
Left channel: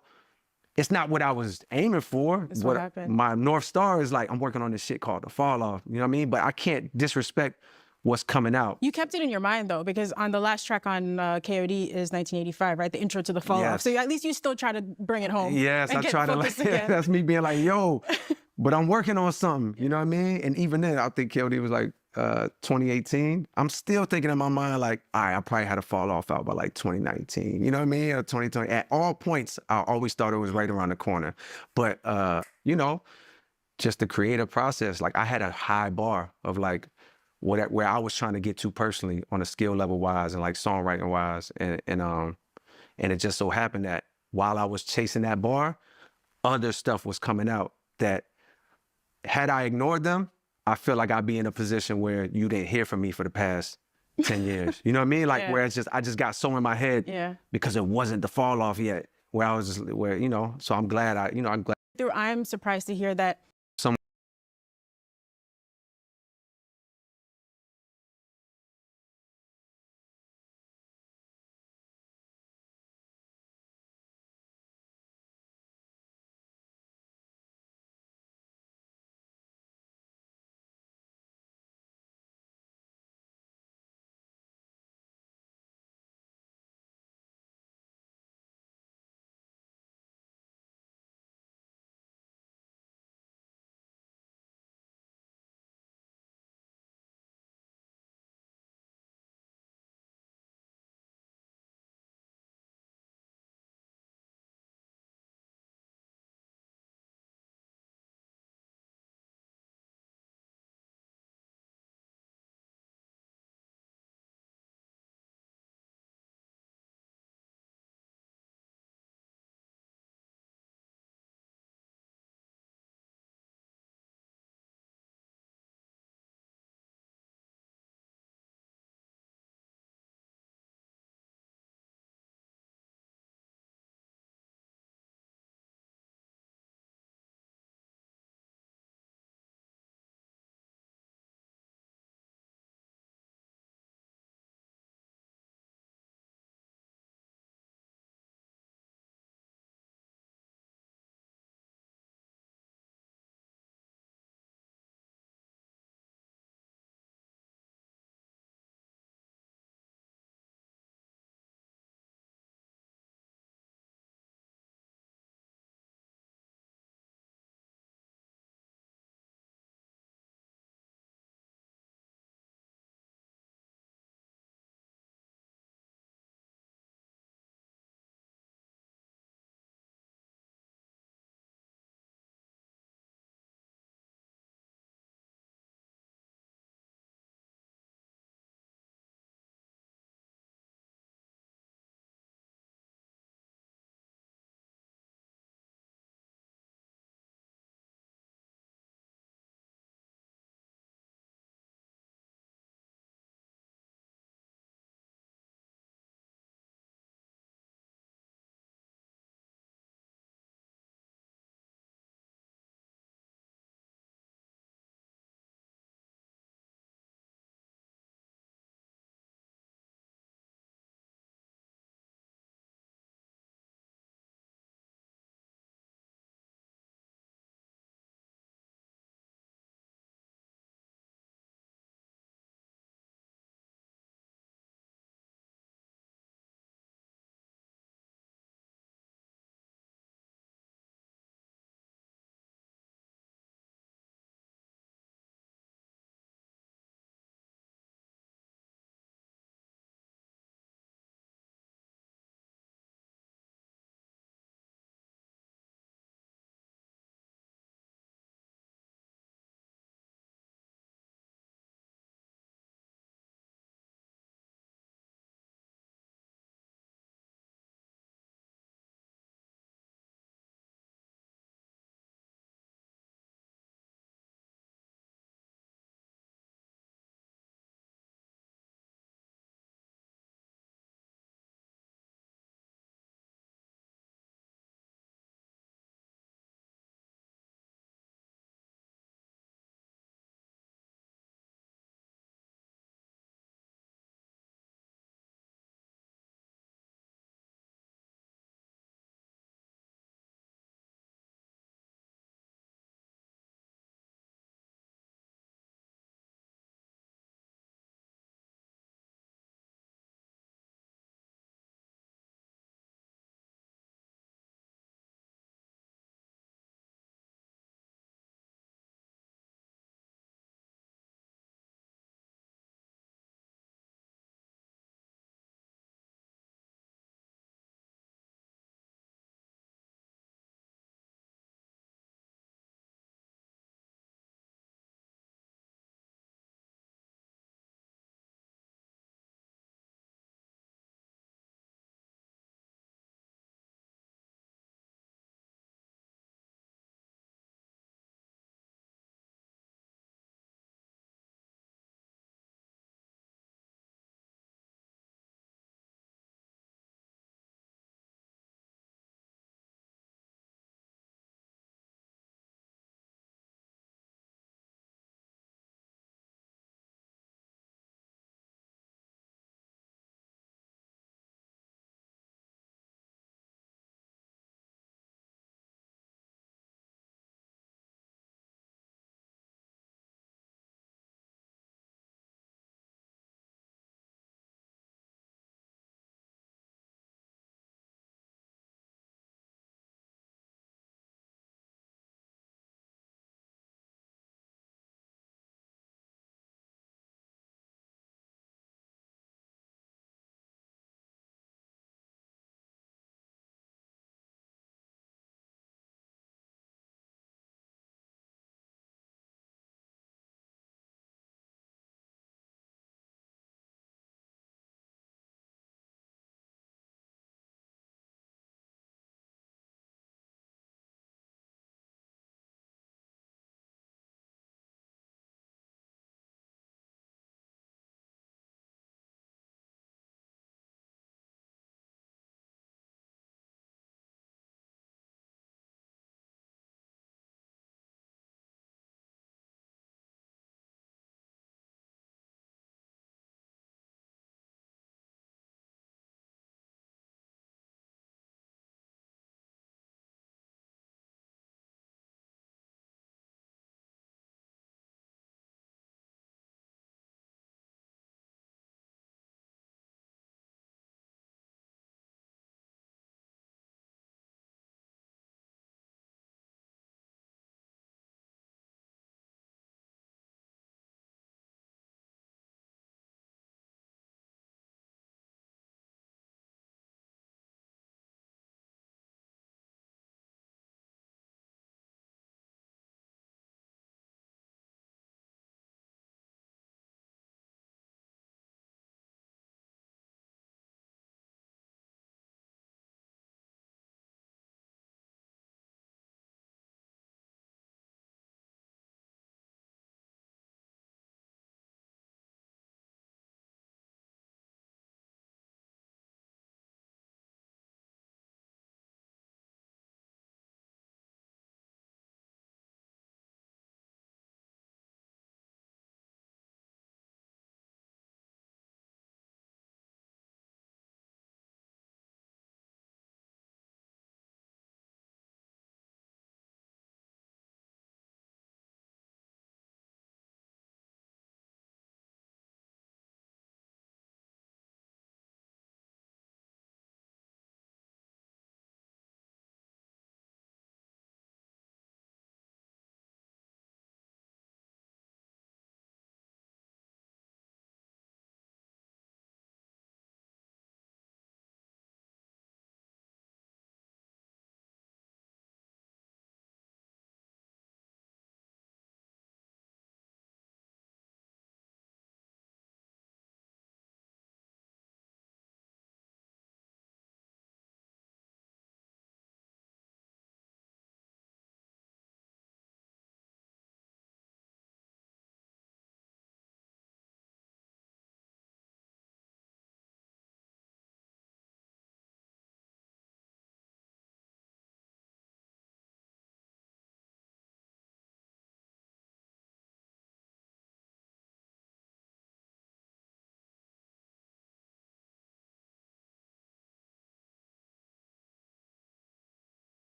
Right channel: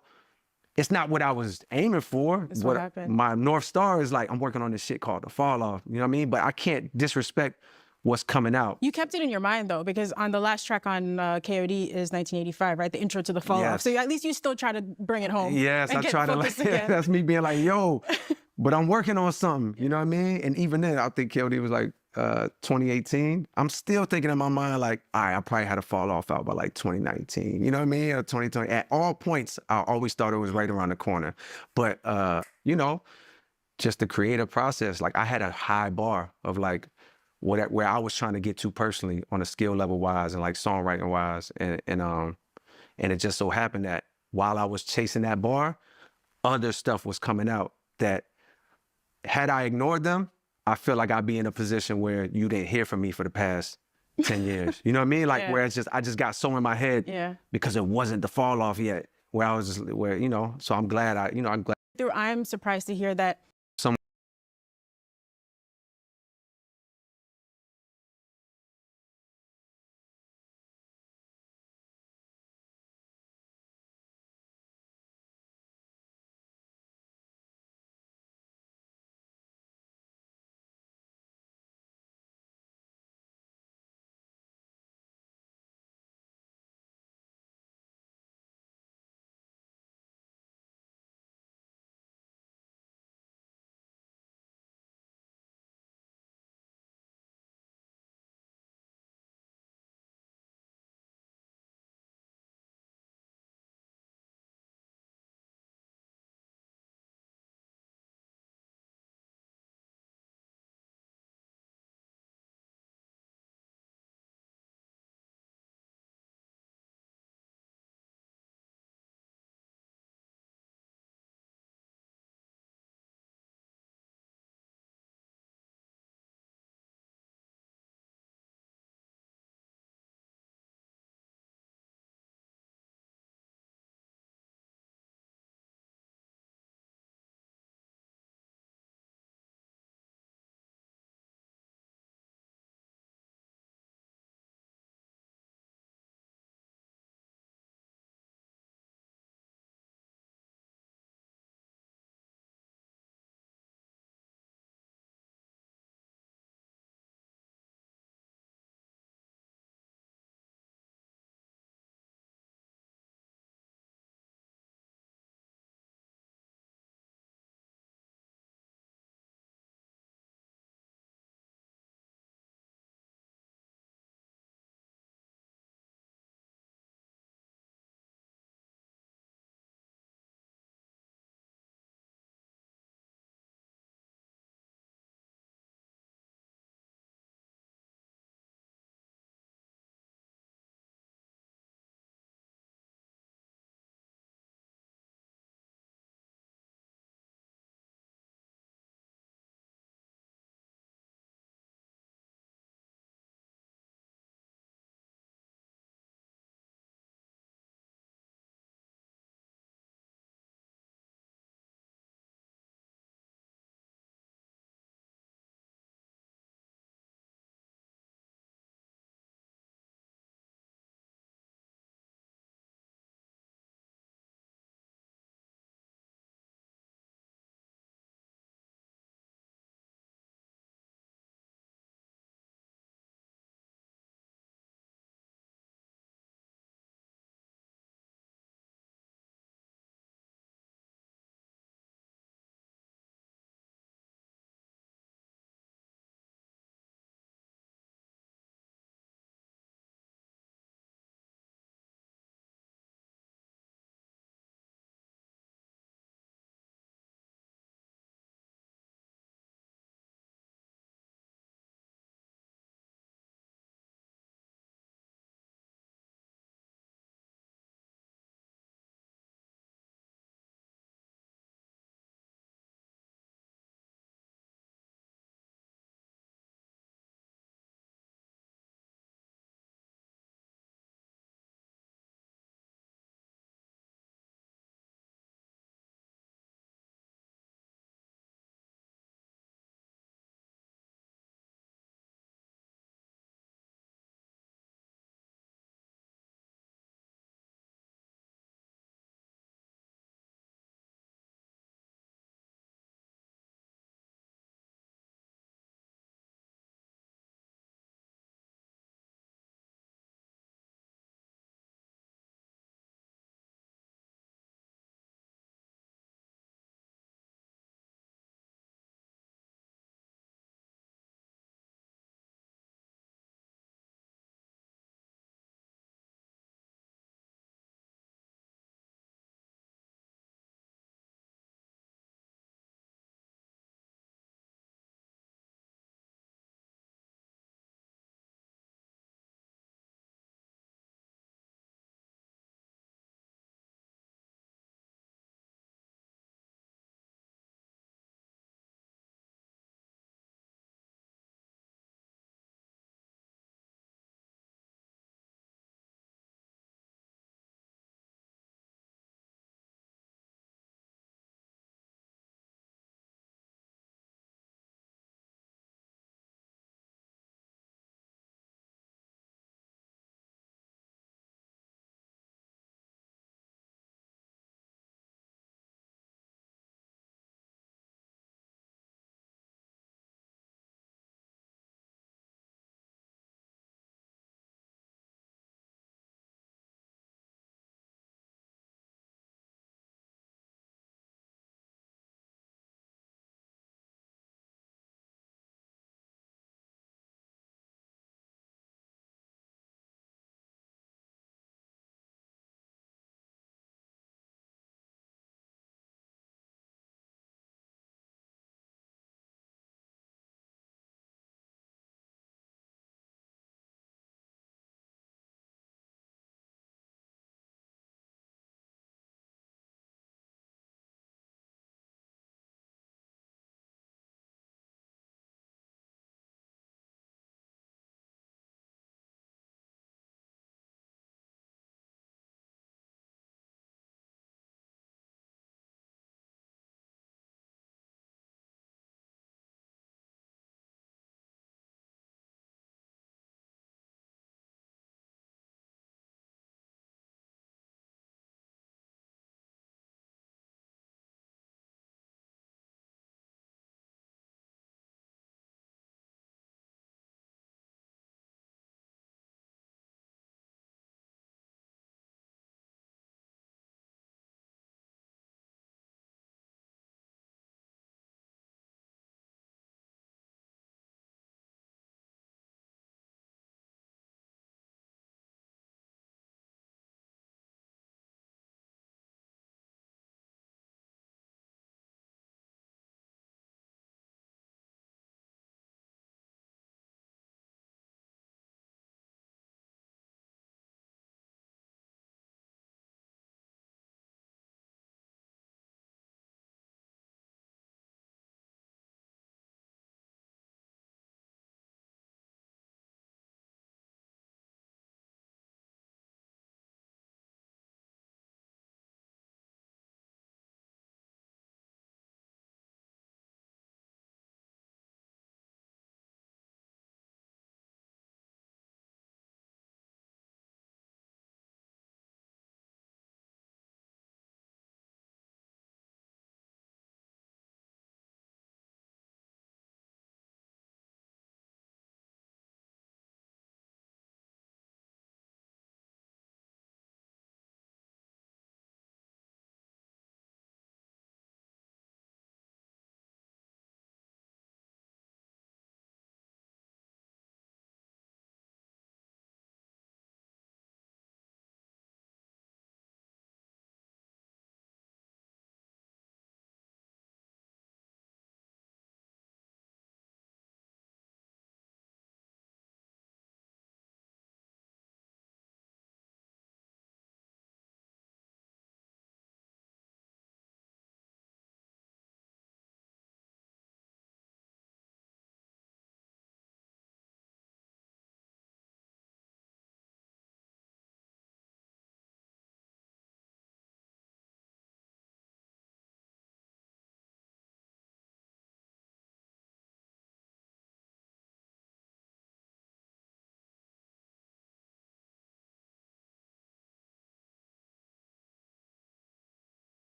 It's not what I was aiming for. It's what happened. My North Star is like, I'm working on this shit called The Fall Off. You know what I mean? But I can't disrespect what's coming out. You kept it in your mind though, because on the last track on KOD is 1985, right? The intro to The Fall Off. Yes. So at least you still try to bring it home. Yes, and I get try to focused like, again. that's me being like, yo, but I'm working on something, you know what I mean? And even then, I think KOD was like 2018. I'm still thinking in my mind like, all right, I probably had a fall off out by like 2019, you know what I mean? Or 2020. At all points, I always thought it was right around the corner. But, you know, just the creative process, like I had a high bar of like, where I was trying to get to personally on a skill level wise and like songwriting wise. And it just so happened that while I was chasing that bar, other stuff was coming out that had I ignored them, I feel like I'd be in a position where you didn't hear from me for the past 10 years. You know what I mean? Like Yeah. where it's just, I just got so in my head because it wasn't the fall off yet where I was just, where, you know, so I'm glad I'm glad. I'm surprised to hear that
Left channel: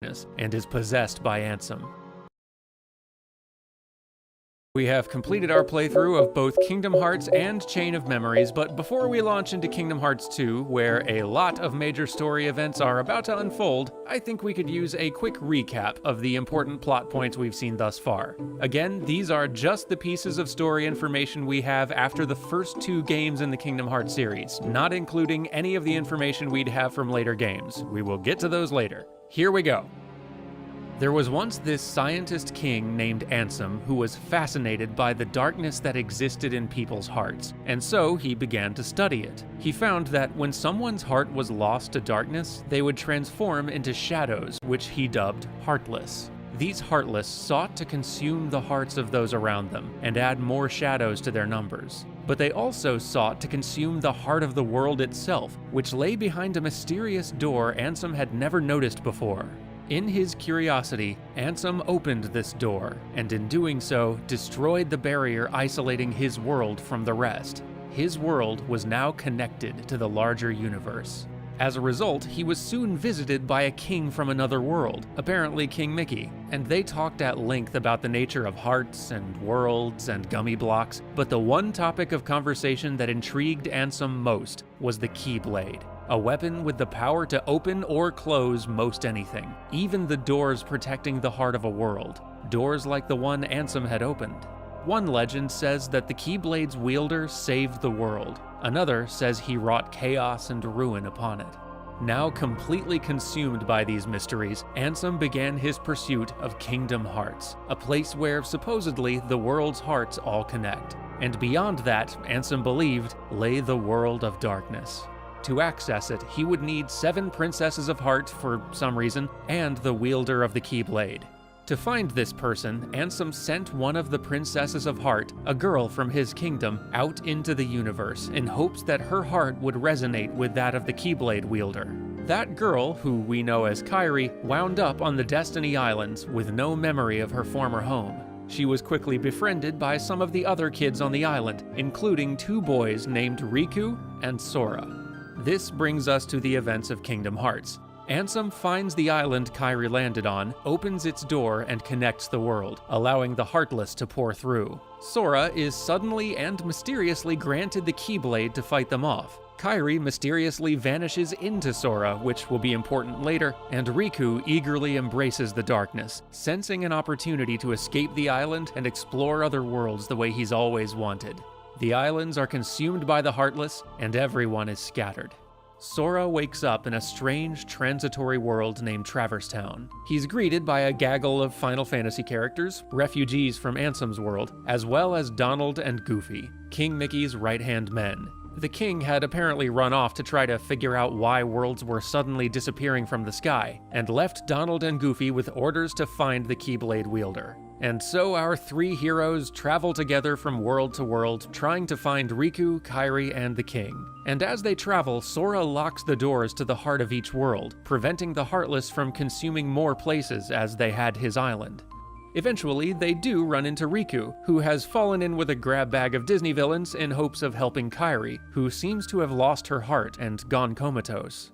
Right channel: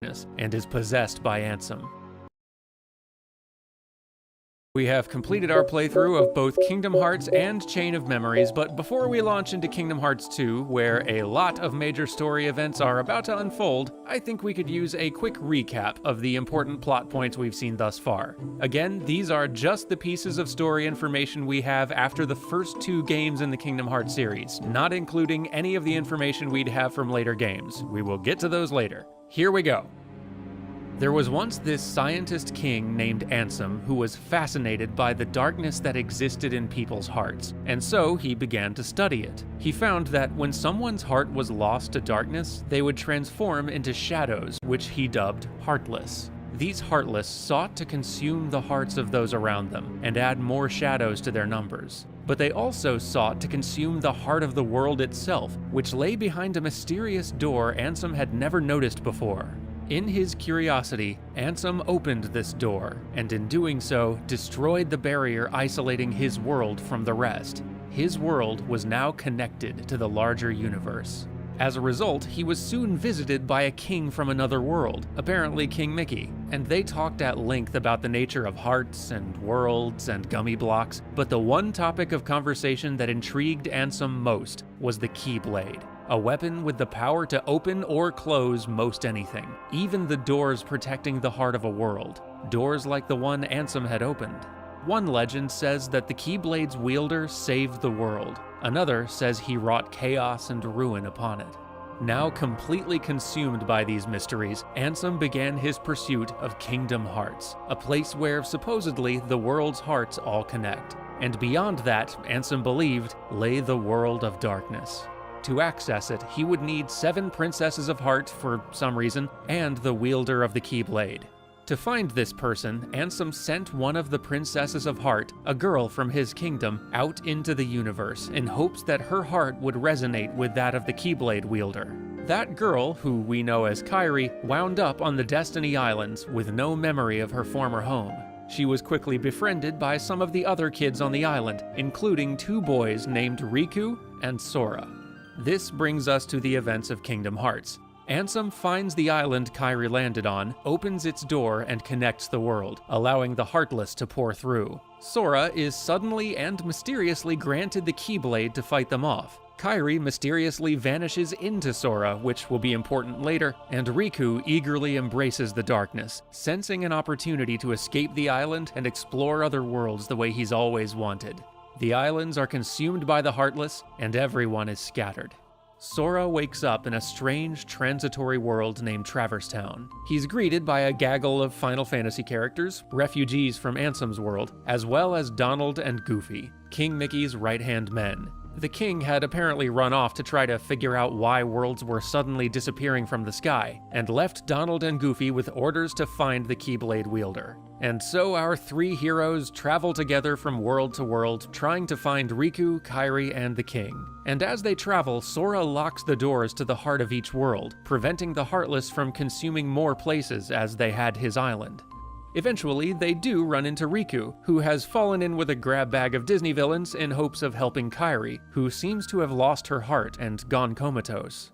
and is possessed by Ansem. We have completed our playthrough of both Kingdom Hearts and Chain of Memories, but before we launch into Kingdom Hearts 2, where a lot of major story events are about to unfold, I think we could use a quick recap of the important plot points we've seen thus far. Again, these are just the pieces of story information we have after the first 2 games in the Kingdom Hearts series, not including any of the information we'd have from later games. We will get to those later. Here we go. There was once this scientist king named Ansem who was fascinated by the darkness that existed in people's hearts, and so he began to study it. He found that when someone's heart was lost to darkness, they would transform into shadows, which he dubbed Heartless. These Heartless sought to consume the hearts of those around them and add more shadows to their numbers. But they also sought to consume the heart of the world itself, which lay behind a mysterious door Ansem had never noticed before. In his curiosity, Ansem opened this door, and in doing so, destroyed the barrier isolating his world from the rest. His world was now connected to the larger universe. As a result, he was soon visited by a king from another world, apparently King Mickey, and they talked at length about the nature of hearts and worlds and gummy blocks, but the one topic of conversation that intrigued Ansem most was the Keyblade. A weapon with the power to open or close most anything, even the doors protecting the heart of a world, doors like the one Ansem had opened. One legend says that the Keyblade's wielder saved the world. Another says he wrought chaos and ruin upon it. Now completely consumed by these mysteries, Ansem began his pursuit of Kingdom Hearts, a place where supposedly the world's hearts all connect. And beyond that, Ansem believed, lay the world of darkness. To access it, he would need 7 Princesses of Heart for some reason, and the wielder of the Keyblade. To find this person, Ansem sent one of the Princesses of Heart, a girl from his kingdom, out into the universe in hopes that her heart would resonate with that of the Keyblade wielder. That girl, who we know as Kairi, wound up on the Destiny Islands with no memory of her former home. She was quickly befriended by some of the other kids on the island, including 2 boys named Riku and Sora. This brings us to the events of Kingdom Hearts. Ansem finds the island Kairi landed on, opens its door, and connects the world, allowing the Heartless to pour through. Sora is suddenly and mysteriously granted the Keyblade to fight them off. Kairi mysteriously vanishes into Sora, which will be important later, and Riku eagerly embraces the darkness, sensing an opportunity to escape the island and explore other worlds the way he's always wanted. The islands are consumed by the Heartless, and everyone is scattered. Sora wakes up in a strange, transitory world named Traverse Town. He's greeted by a gaggle of Final Fantasy characters, refugees from Ansem's world, as well as Donald and Goofy, King Mickey's right-hand men. The king had apparently run off to try to figure out why worlds were suddenly disappearing from the sky, and left Donald and Goofy with orders to find the Keyblade wielder. And so our 3 heroes travel together from world to world, trying to find Riku, Kairi, and the king. And as they travel, Sora locks the doors to the heart of each world, preventing the Heartless from consuming more places as they had his island. Eventually, they do run into Riku, who has fallen in with a grab bag of Disney villains in hopes of helping Kairi, who seems to have lost her heart and gone comatose.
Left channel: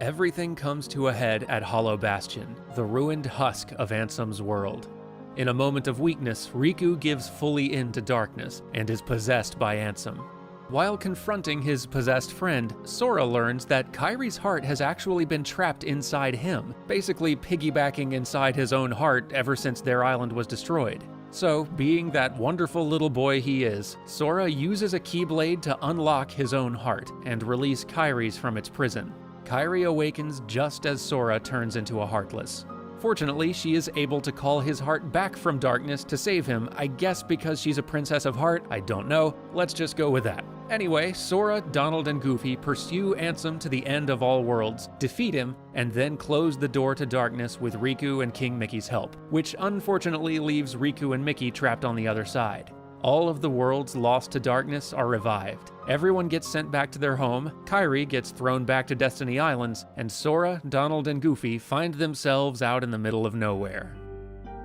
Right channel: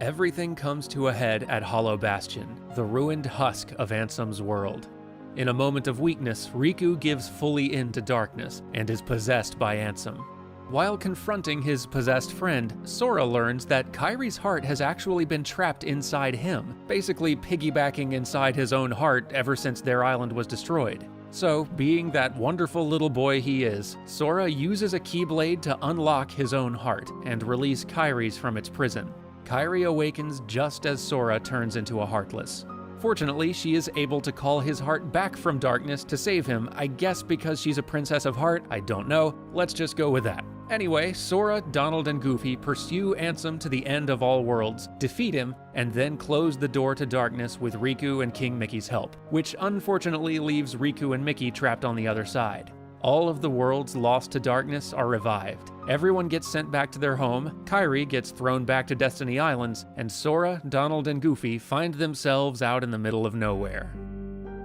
Everything comes to a head at Hollow Bastion, the ruined husk of Ansem's world. In a moment of weakness, Riku gives fully in to darkness and is possessed by Ansem. While confronting his possessed friend, Sora learns that Kairi's heart has actually been trapped inside him, basically piggybacking inside his own heart ever since their island was destroyed. So, being that wonderful little boy he is, Sora uses a Keyblade to unlock his own heart and release Kairi's from its prison. Kairi awakens just as Sora turns into a Heartless. Fortunately, she is able to call his heart back from darkness to save him, I guess because she's a Princess of Heart, I don't know, let's just go with that. Anyway, Sora, Donald, and Goofy pursue Ansem to the end of all worlds, defeat him, and then close the door to darkness with Riku and King Mickey's help, which unfortunately leaves Riku and Mickey trapped on the other side. All of the worlds lost to darkness are revived. Everyone gets sent back to their home, Kairi gets thrown back to Destiny Islands, and Sora, Donald, and Goofy find themselves out in the middle of nowhere.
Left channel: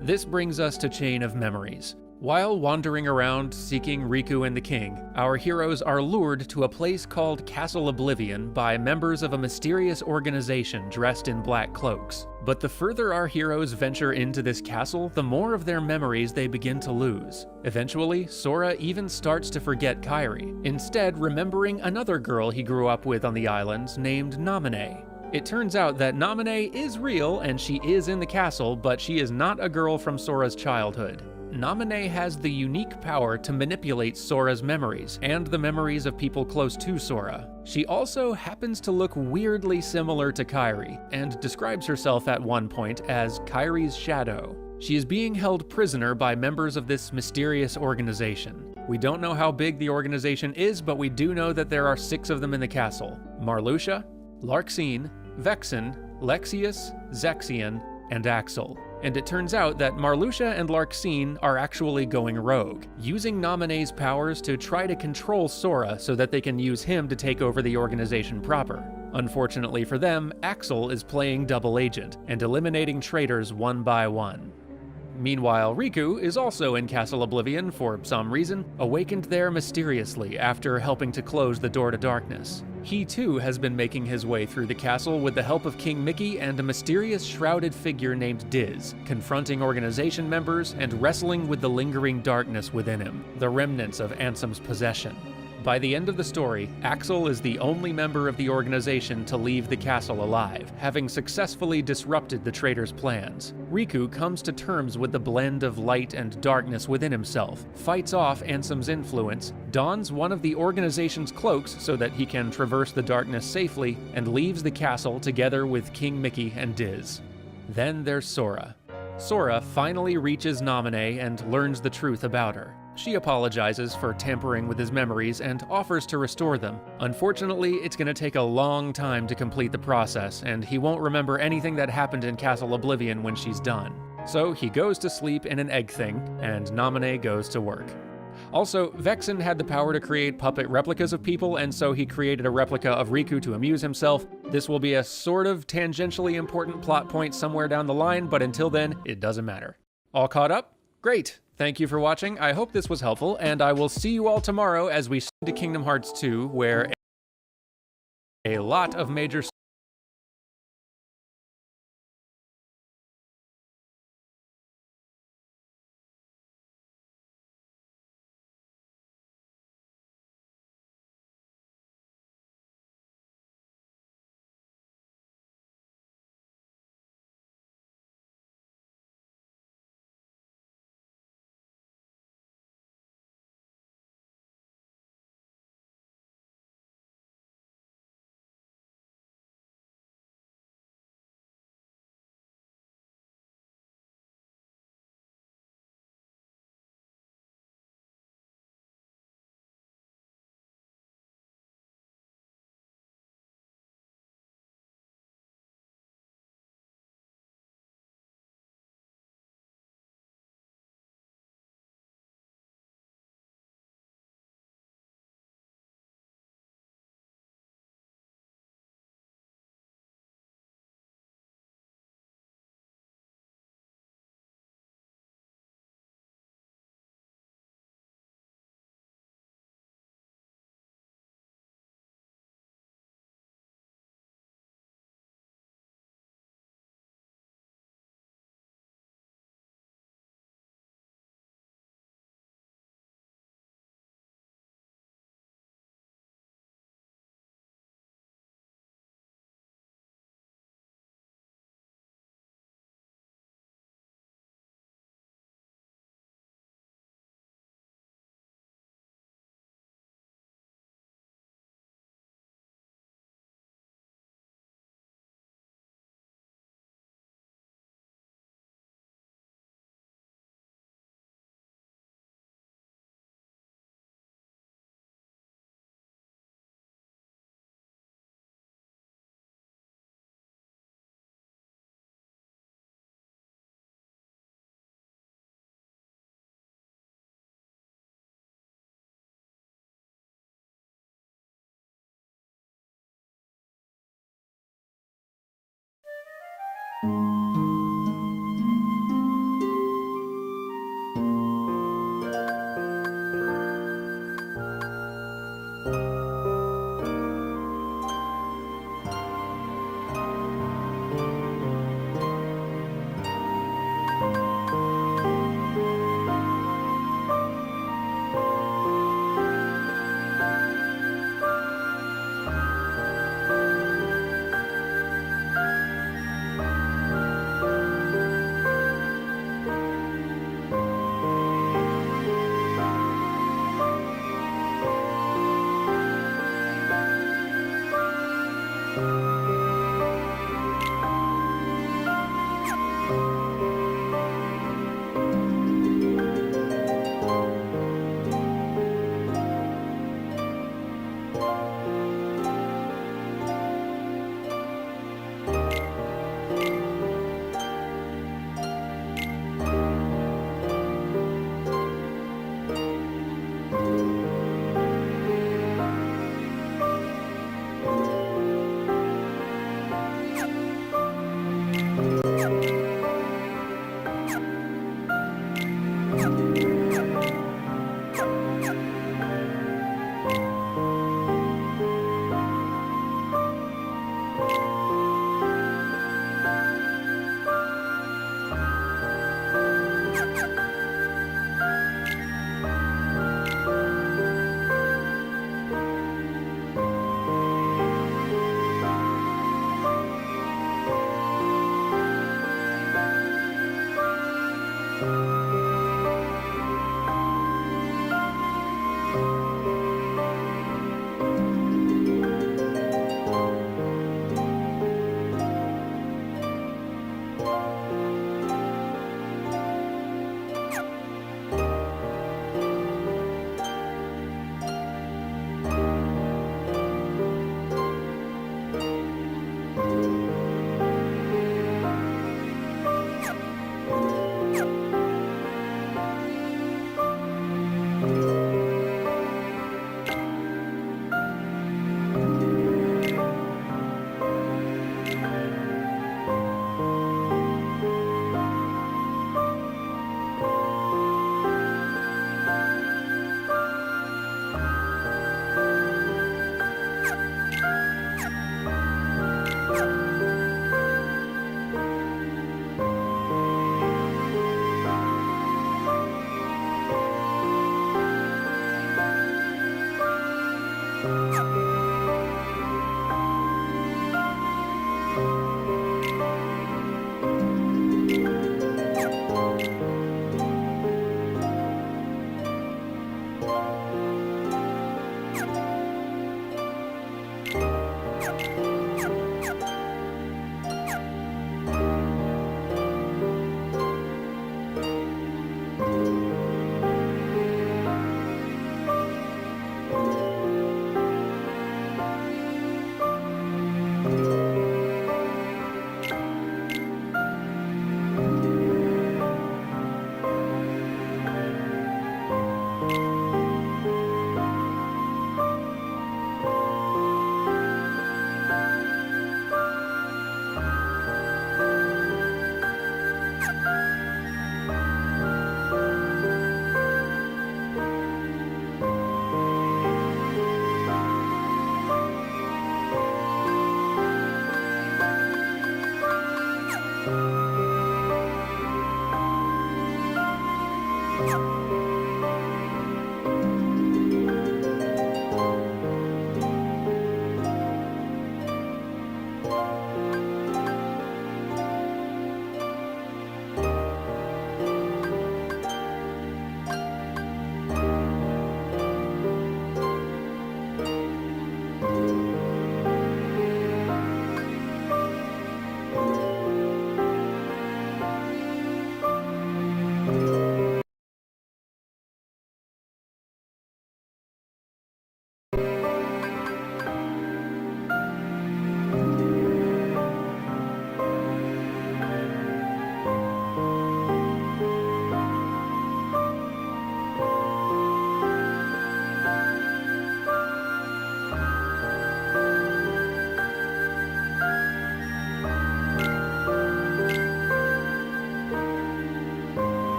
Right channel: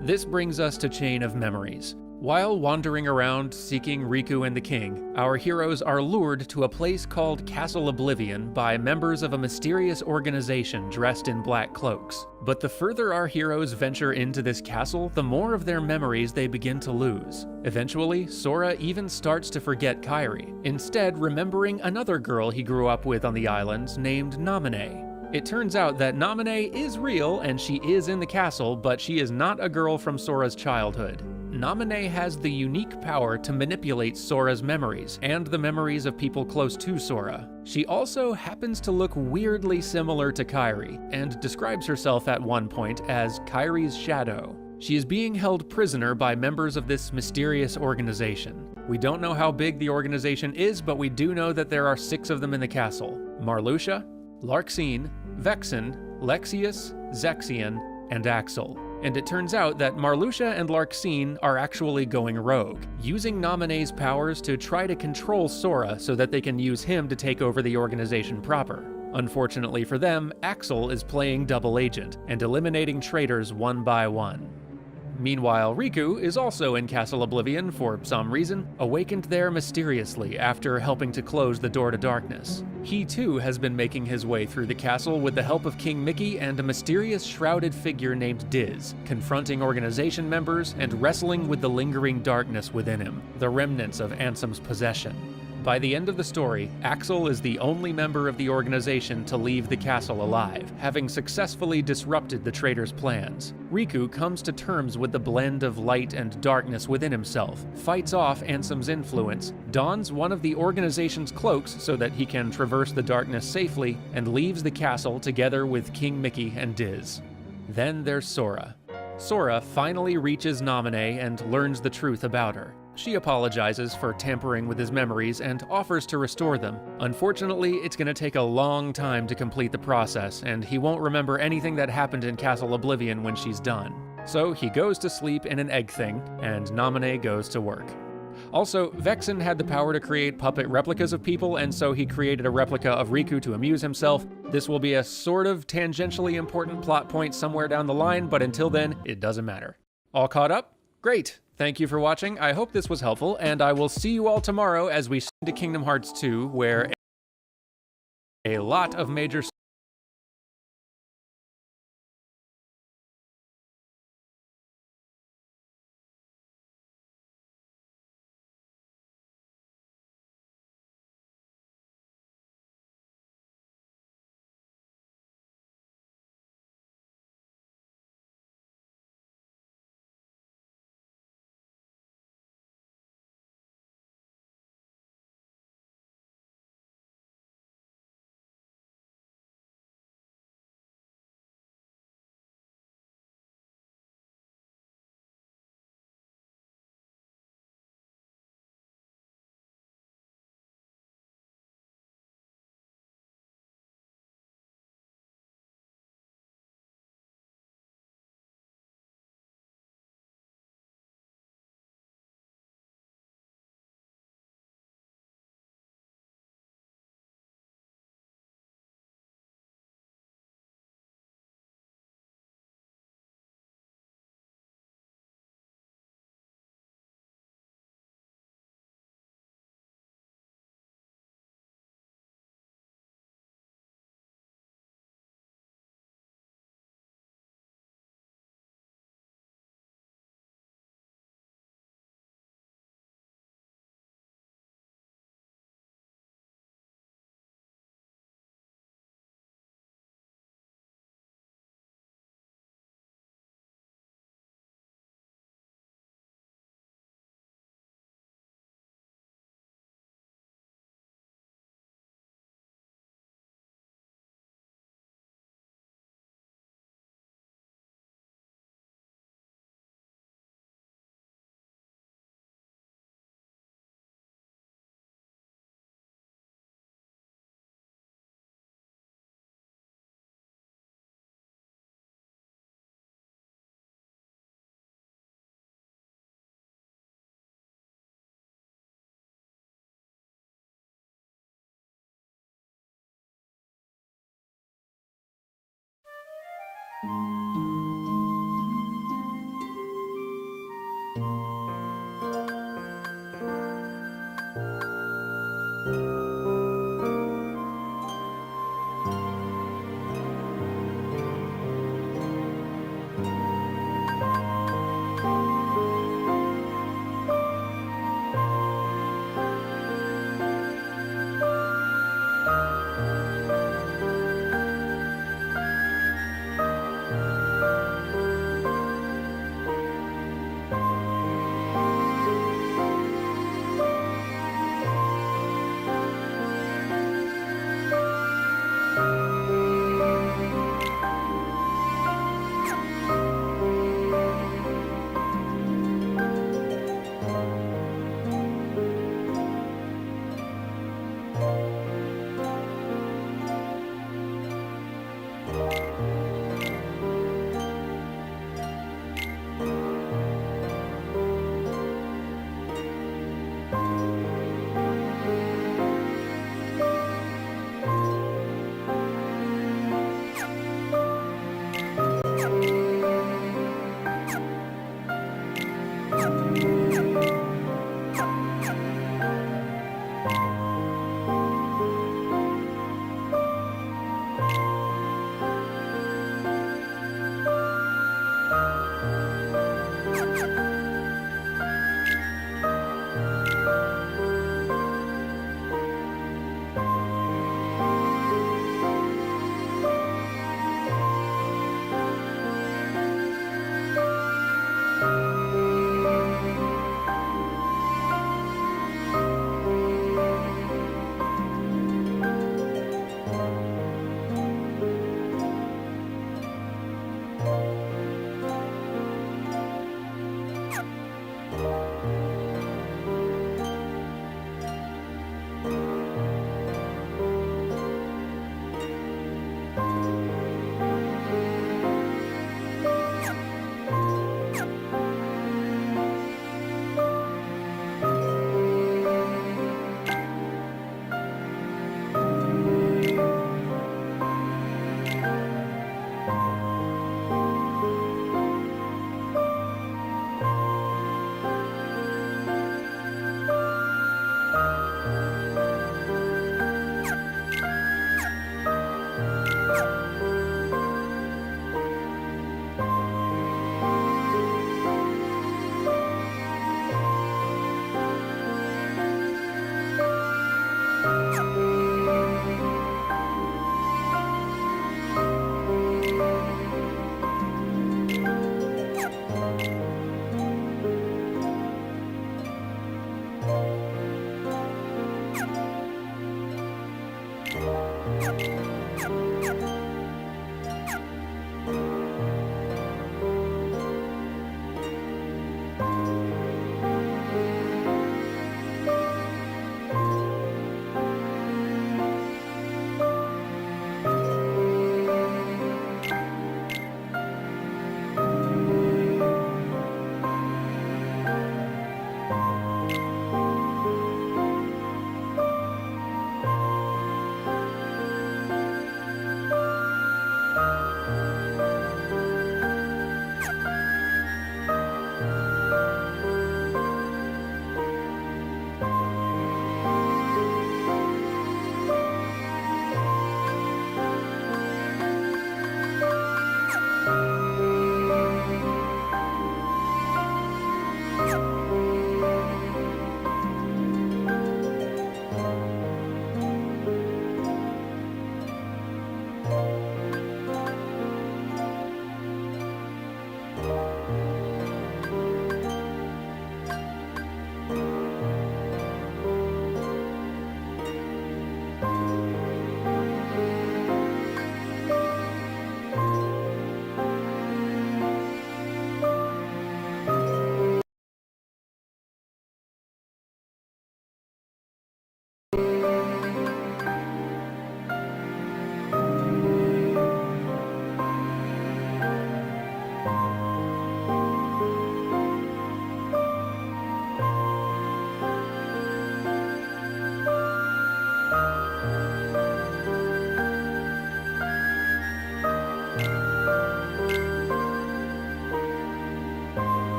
This brings us to Chain of Memories. While wandering around seeking Riku and the king, our heroes are lured to a place called Castle Oblivion by members of a mysterious organization dressed in black cloaks. But the further our heroes venture into this castle, the more of their memories they begin to lose. Eventually, Sora even starts to forget Kairi, instead remembering another girl he grew up with on the island named Naminé. It turns out that Naminé is real and she is in the castle, but she is not a girl from Sora's childhood. Naminé has the unique power to manipulate Sora's memories, and the memories of people close to Sora. She also happens to look weirdly similar to Kairi, and describes herself at one point as Kairi's shadow. She is being held prisoner by members of this mysterious organization. We don't know how big the organization is, but we do know that there are 6 of them in the castle: Marluxia, Larxene, Vexen, Lexaeus, Zexion, and Axel. And it turns out that Marluxia and Larxene are actually going rogue, using Naminé's powers to try to control Sora so that they can use him to take over the organization proper. Unfortunately for them, Axel is playing double agent and eliminating traitors one by one. Meanwhile, Riku is also in Castle Oblivion for some reason, awakened there mysteriously after helping to close the door to darkness. He too has been making his way through the castle with the help of King Mickey and a mysterious shrouded figure named Diz, confronting organization members and wrestling with the lingering darkness within him, the remnants of Ansem's possession. By the end of the story, Axel is the only member of the organization to leave the castle alive, having successfully disrupted the traitors' plans. Riku comes to terms with the blend of light and darkness within himself, fights off Ansem's influence, dons one of the organization's cloaks so that he can traverse the darkness safely, and leaves the castle together with King Mickey and Diz. Then there's Sora. Sora finally reaches Naminé and learns the truth about her. She apologizes for tampering with his memories and offers to restore them. Unfortunately, it's going to take a long time to complete the process, and he won't remember anything that happened in Castle Oblivion when she's done. So he goes to sleep in an egg thing, and Naminé goes to work. Also, Vexen had the power to create puppet replicas of people, and so he created a replica of Riku to amuse himself. This will be a sort of tangentially important plot point somewhere down the line, but until then, it doesn't matter. All caught up? Great! Thank you for watching. I hope this was helpful, and I will see you all tomorrow as we to Kingdom Hearts 2, where a lot of major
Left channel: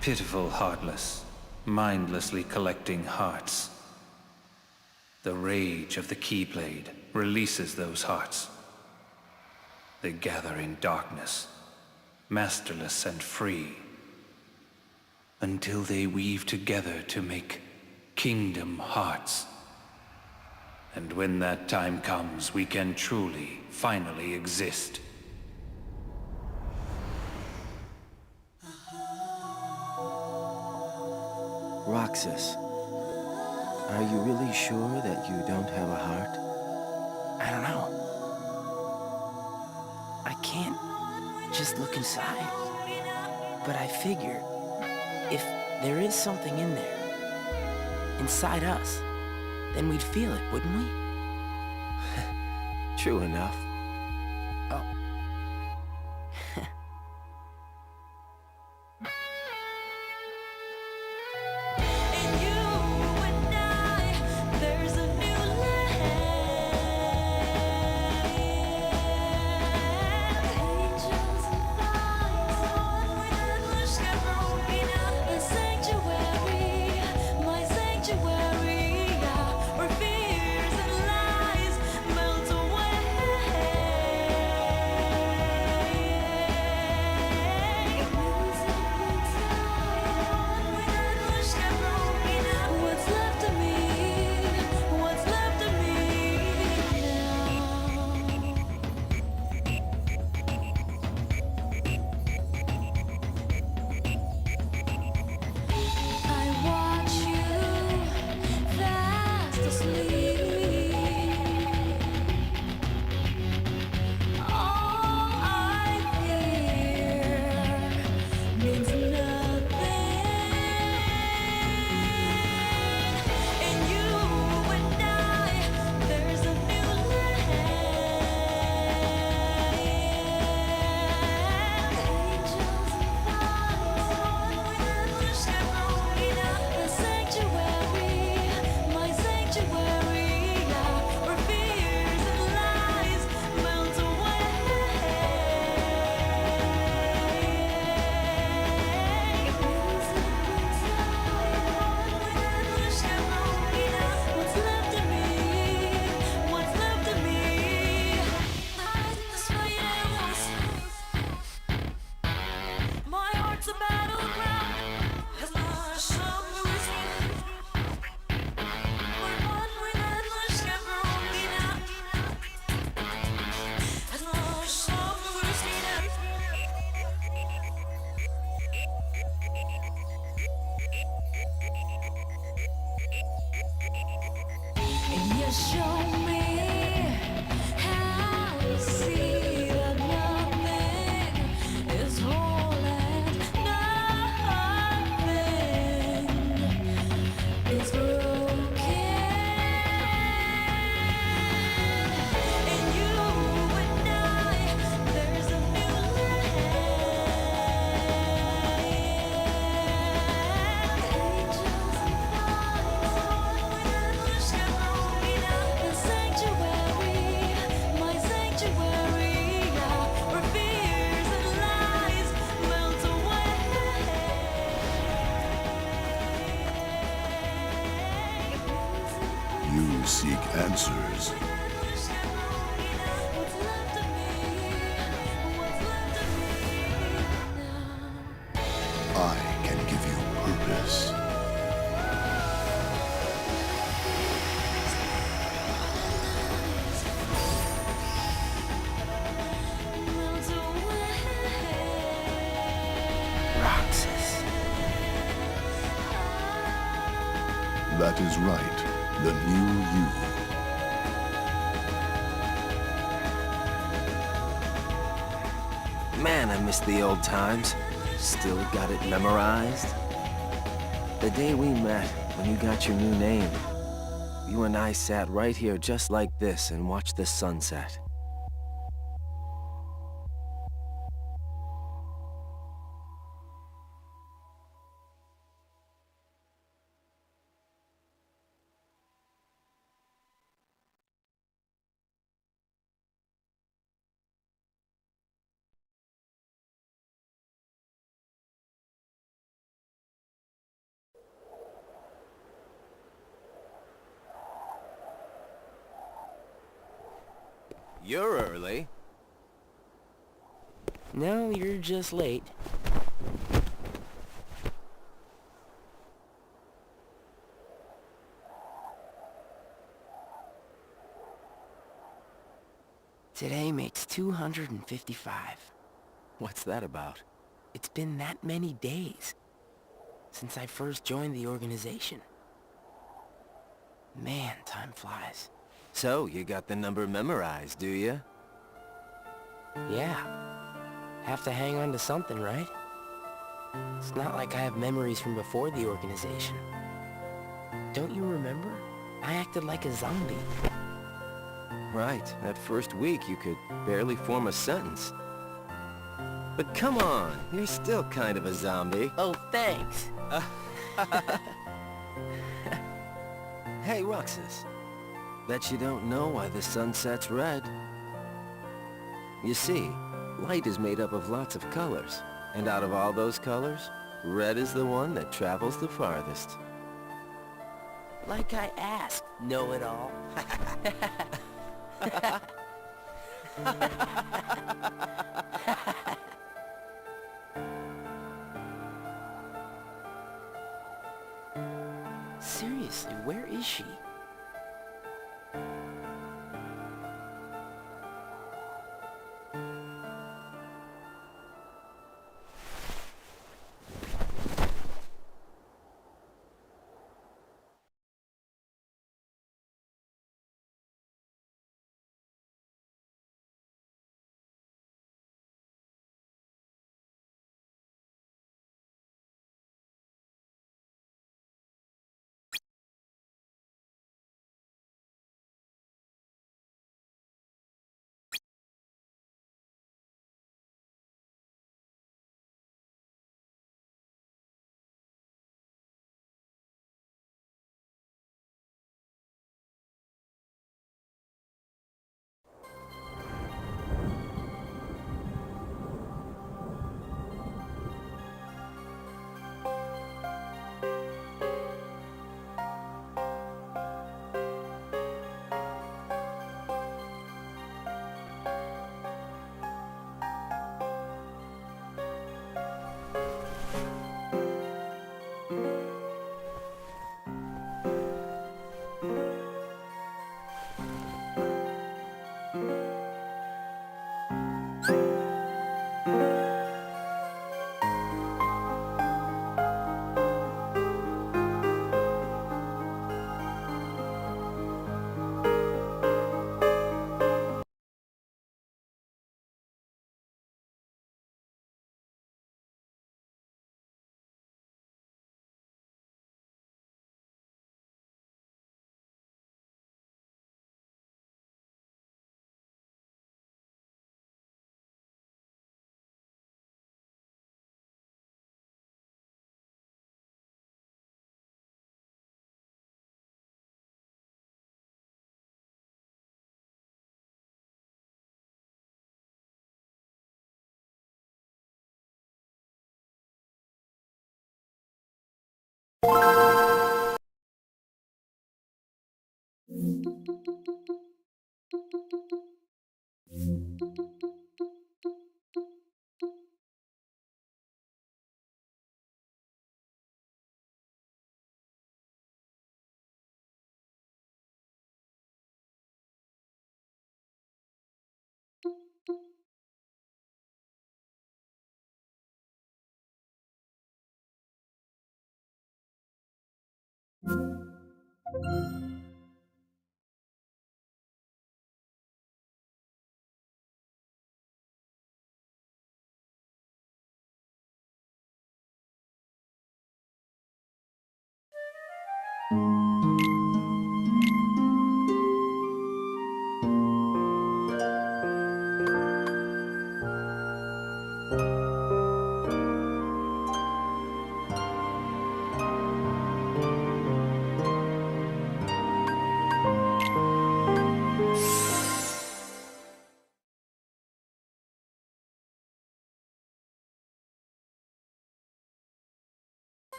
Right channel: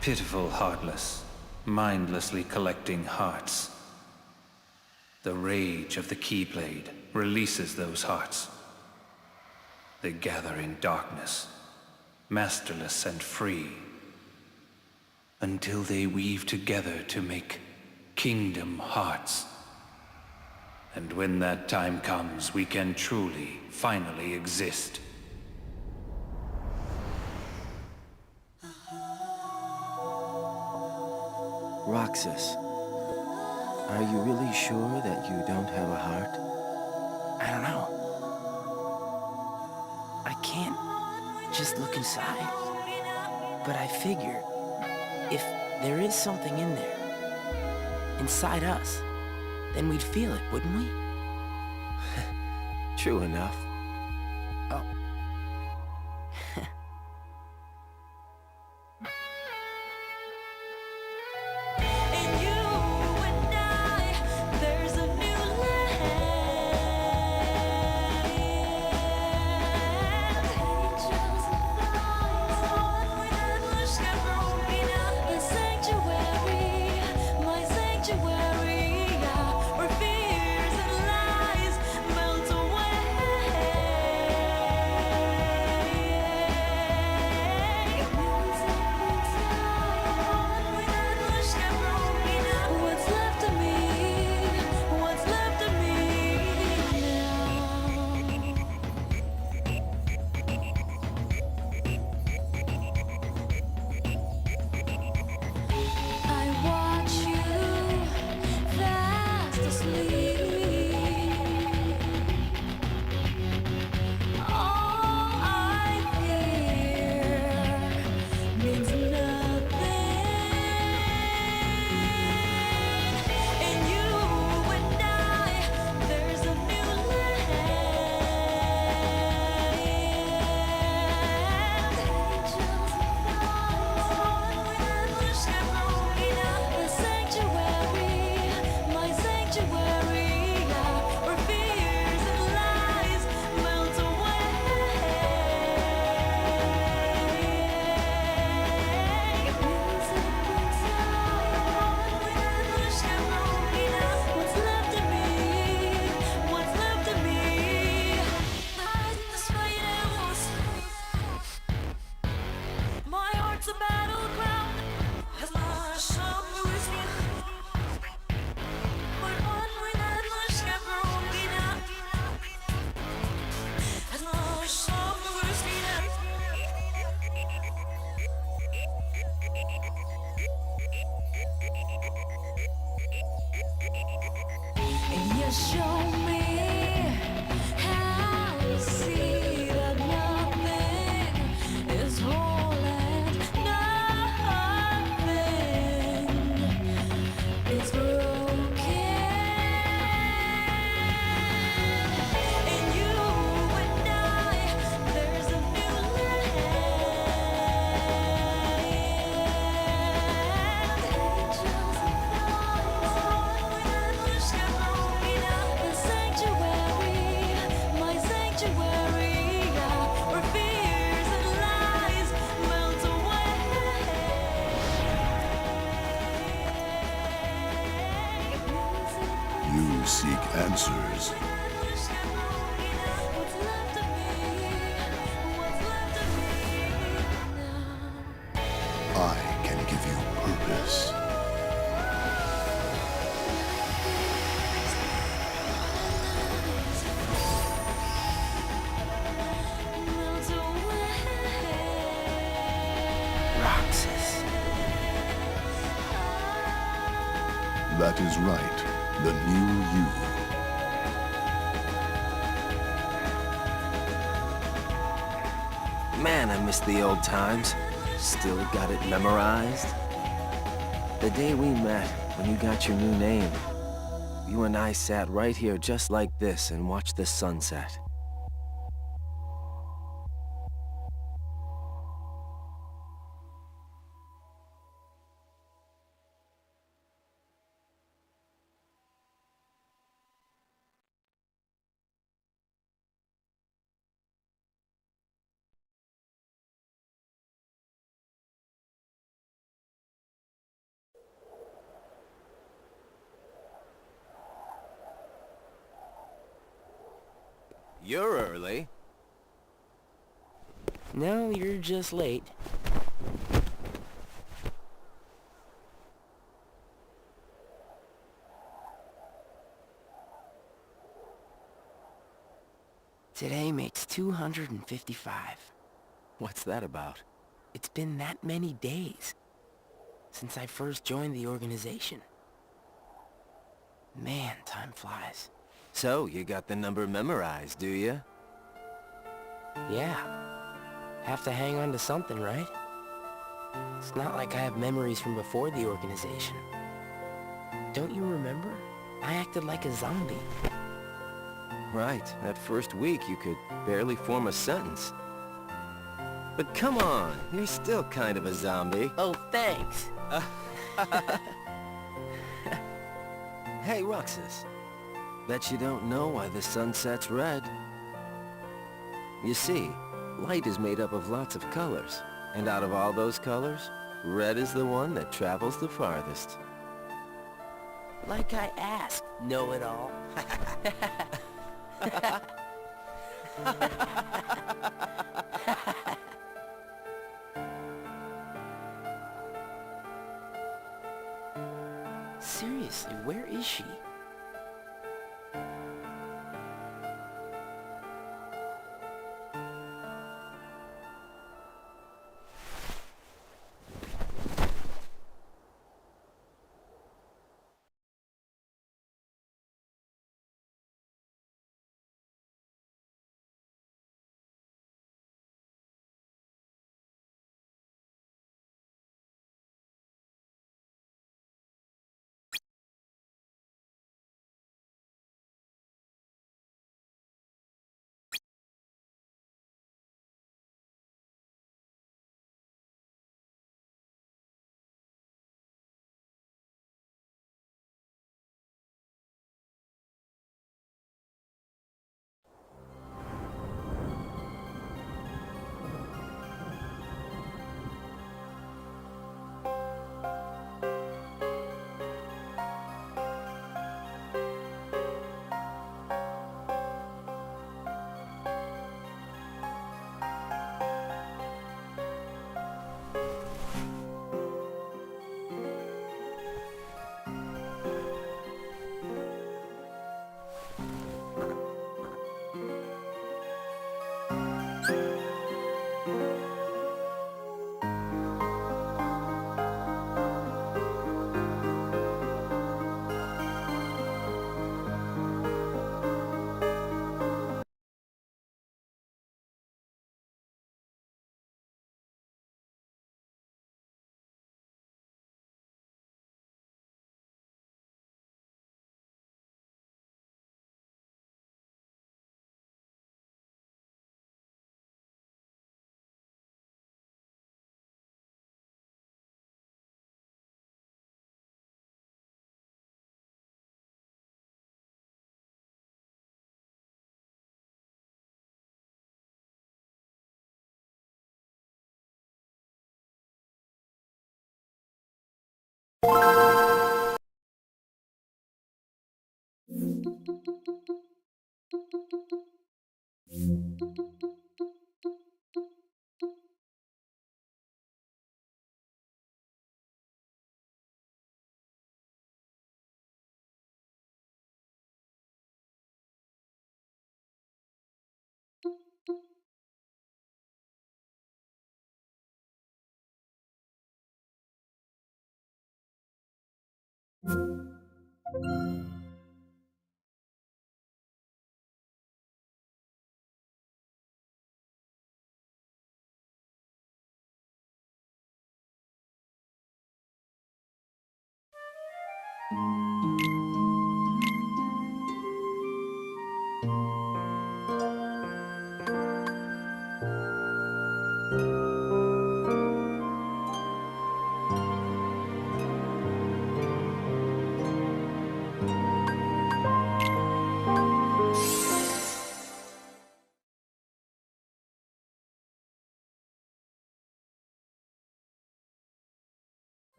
Pitiful Heartless, mindlessly collecting hearts. The rage of the Keyblade releases those hearts. They gather in darkness, masterless and free, until they weave together to make Kingdom Hearts. And when that time comes, we can truly, finally exist. Roxas, are you really sure that you don't have a heart? I don't know. I can't just look inside. But I figure if there is something in there, inside us, then we'd feel it, wouldn't we? True enough. Oh. You seek answers. I can give you purpose. Roxas. That is right. The new you. Man, I miss the old times. Still got it memorized. The day we met, when you got your new name. You and I sat right here just like this and watched the sunset. You're early. No, you're just late. Today makes 255. What's that about? It's been that many days since I first joined the organization. Man, time flies. So, you got the number memorized, do you? Yeah. Have to hang on to something, right? It's not like I have memories from before the organization. Don't you remember? I acted like a zombie. Right. That first week, you could barely form a sentence. But come on, you're still kind of a zombie. Oh, thanks. Hey, Roxas. Bet you don't know why the sun sets red. You see, light is made up of lots of colors. And out of all those colors, red is the one that travels the farthest. Like I asked, know-it-all. Seriously, where is she?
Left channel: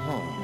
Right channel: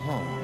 home.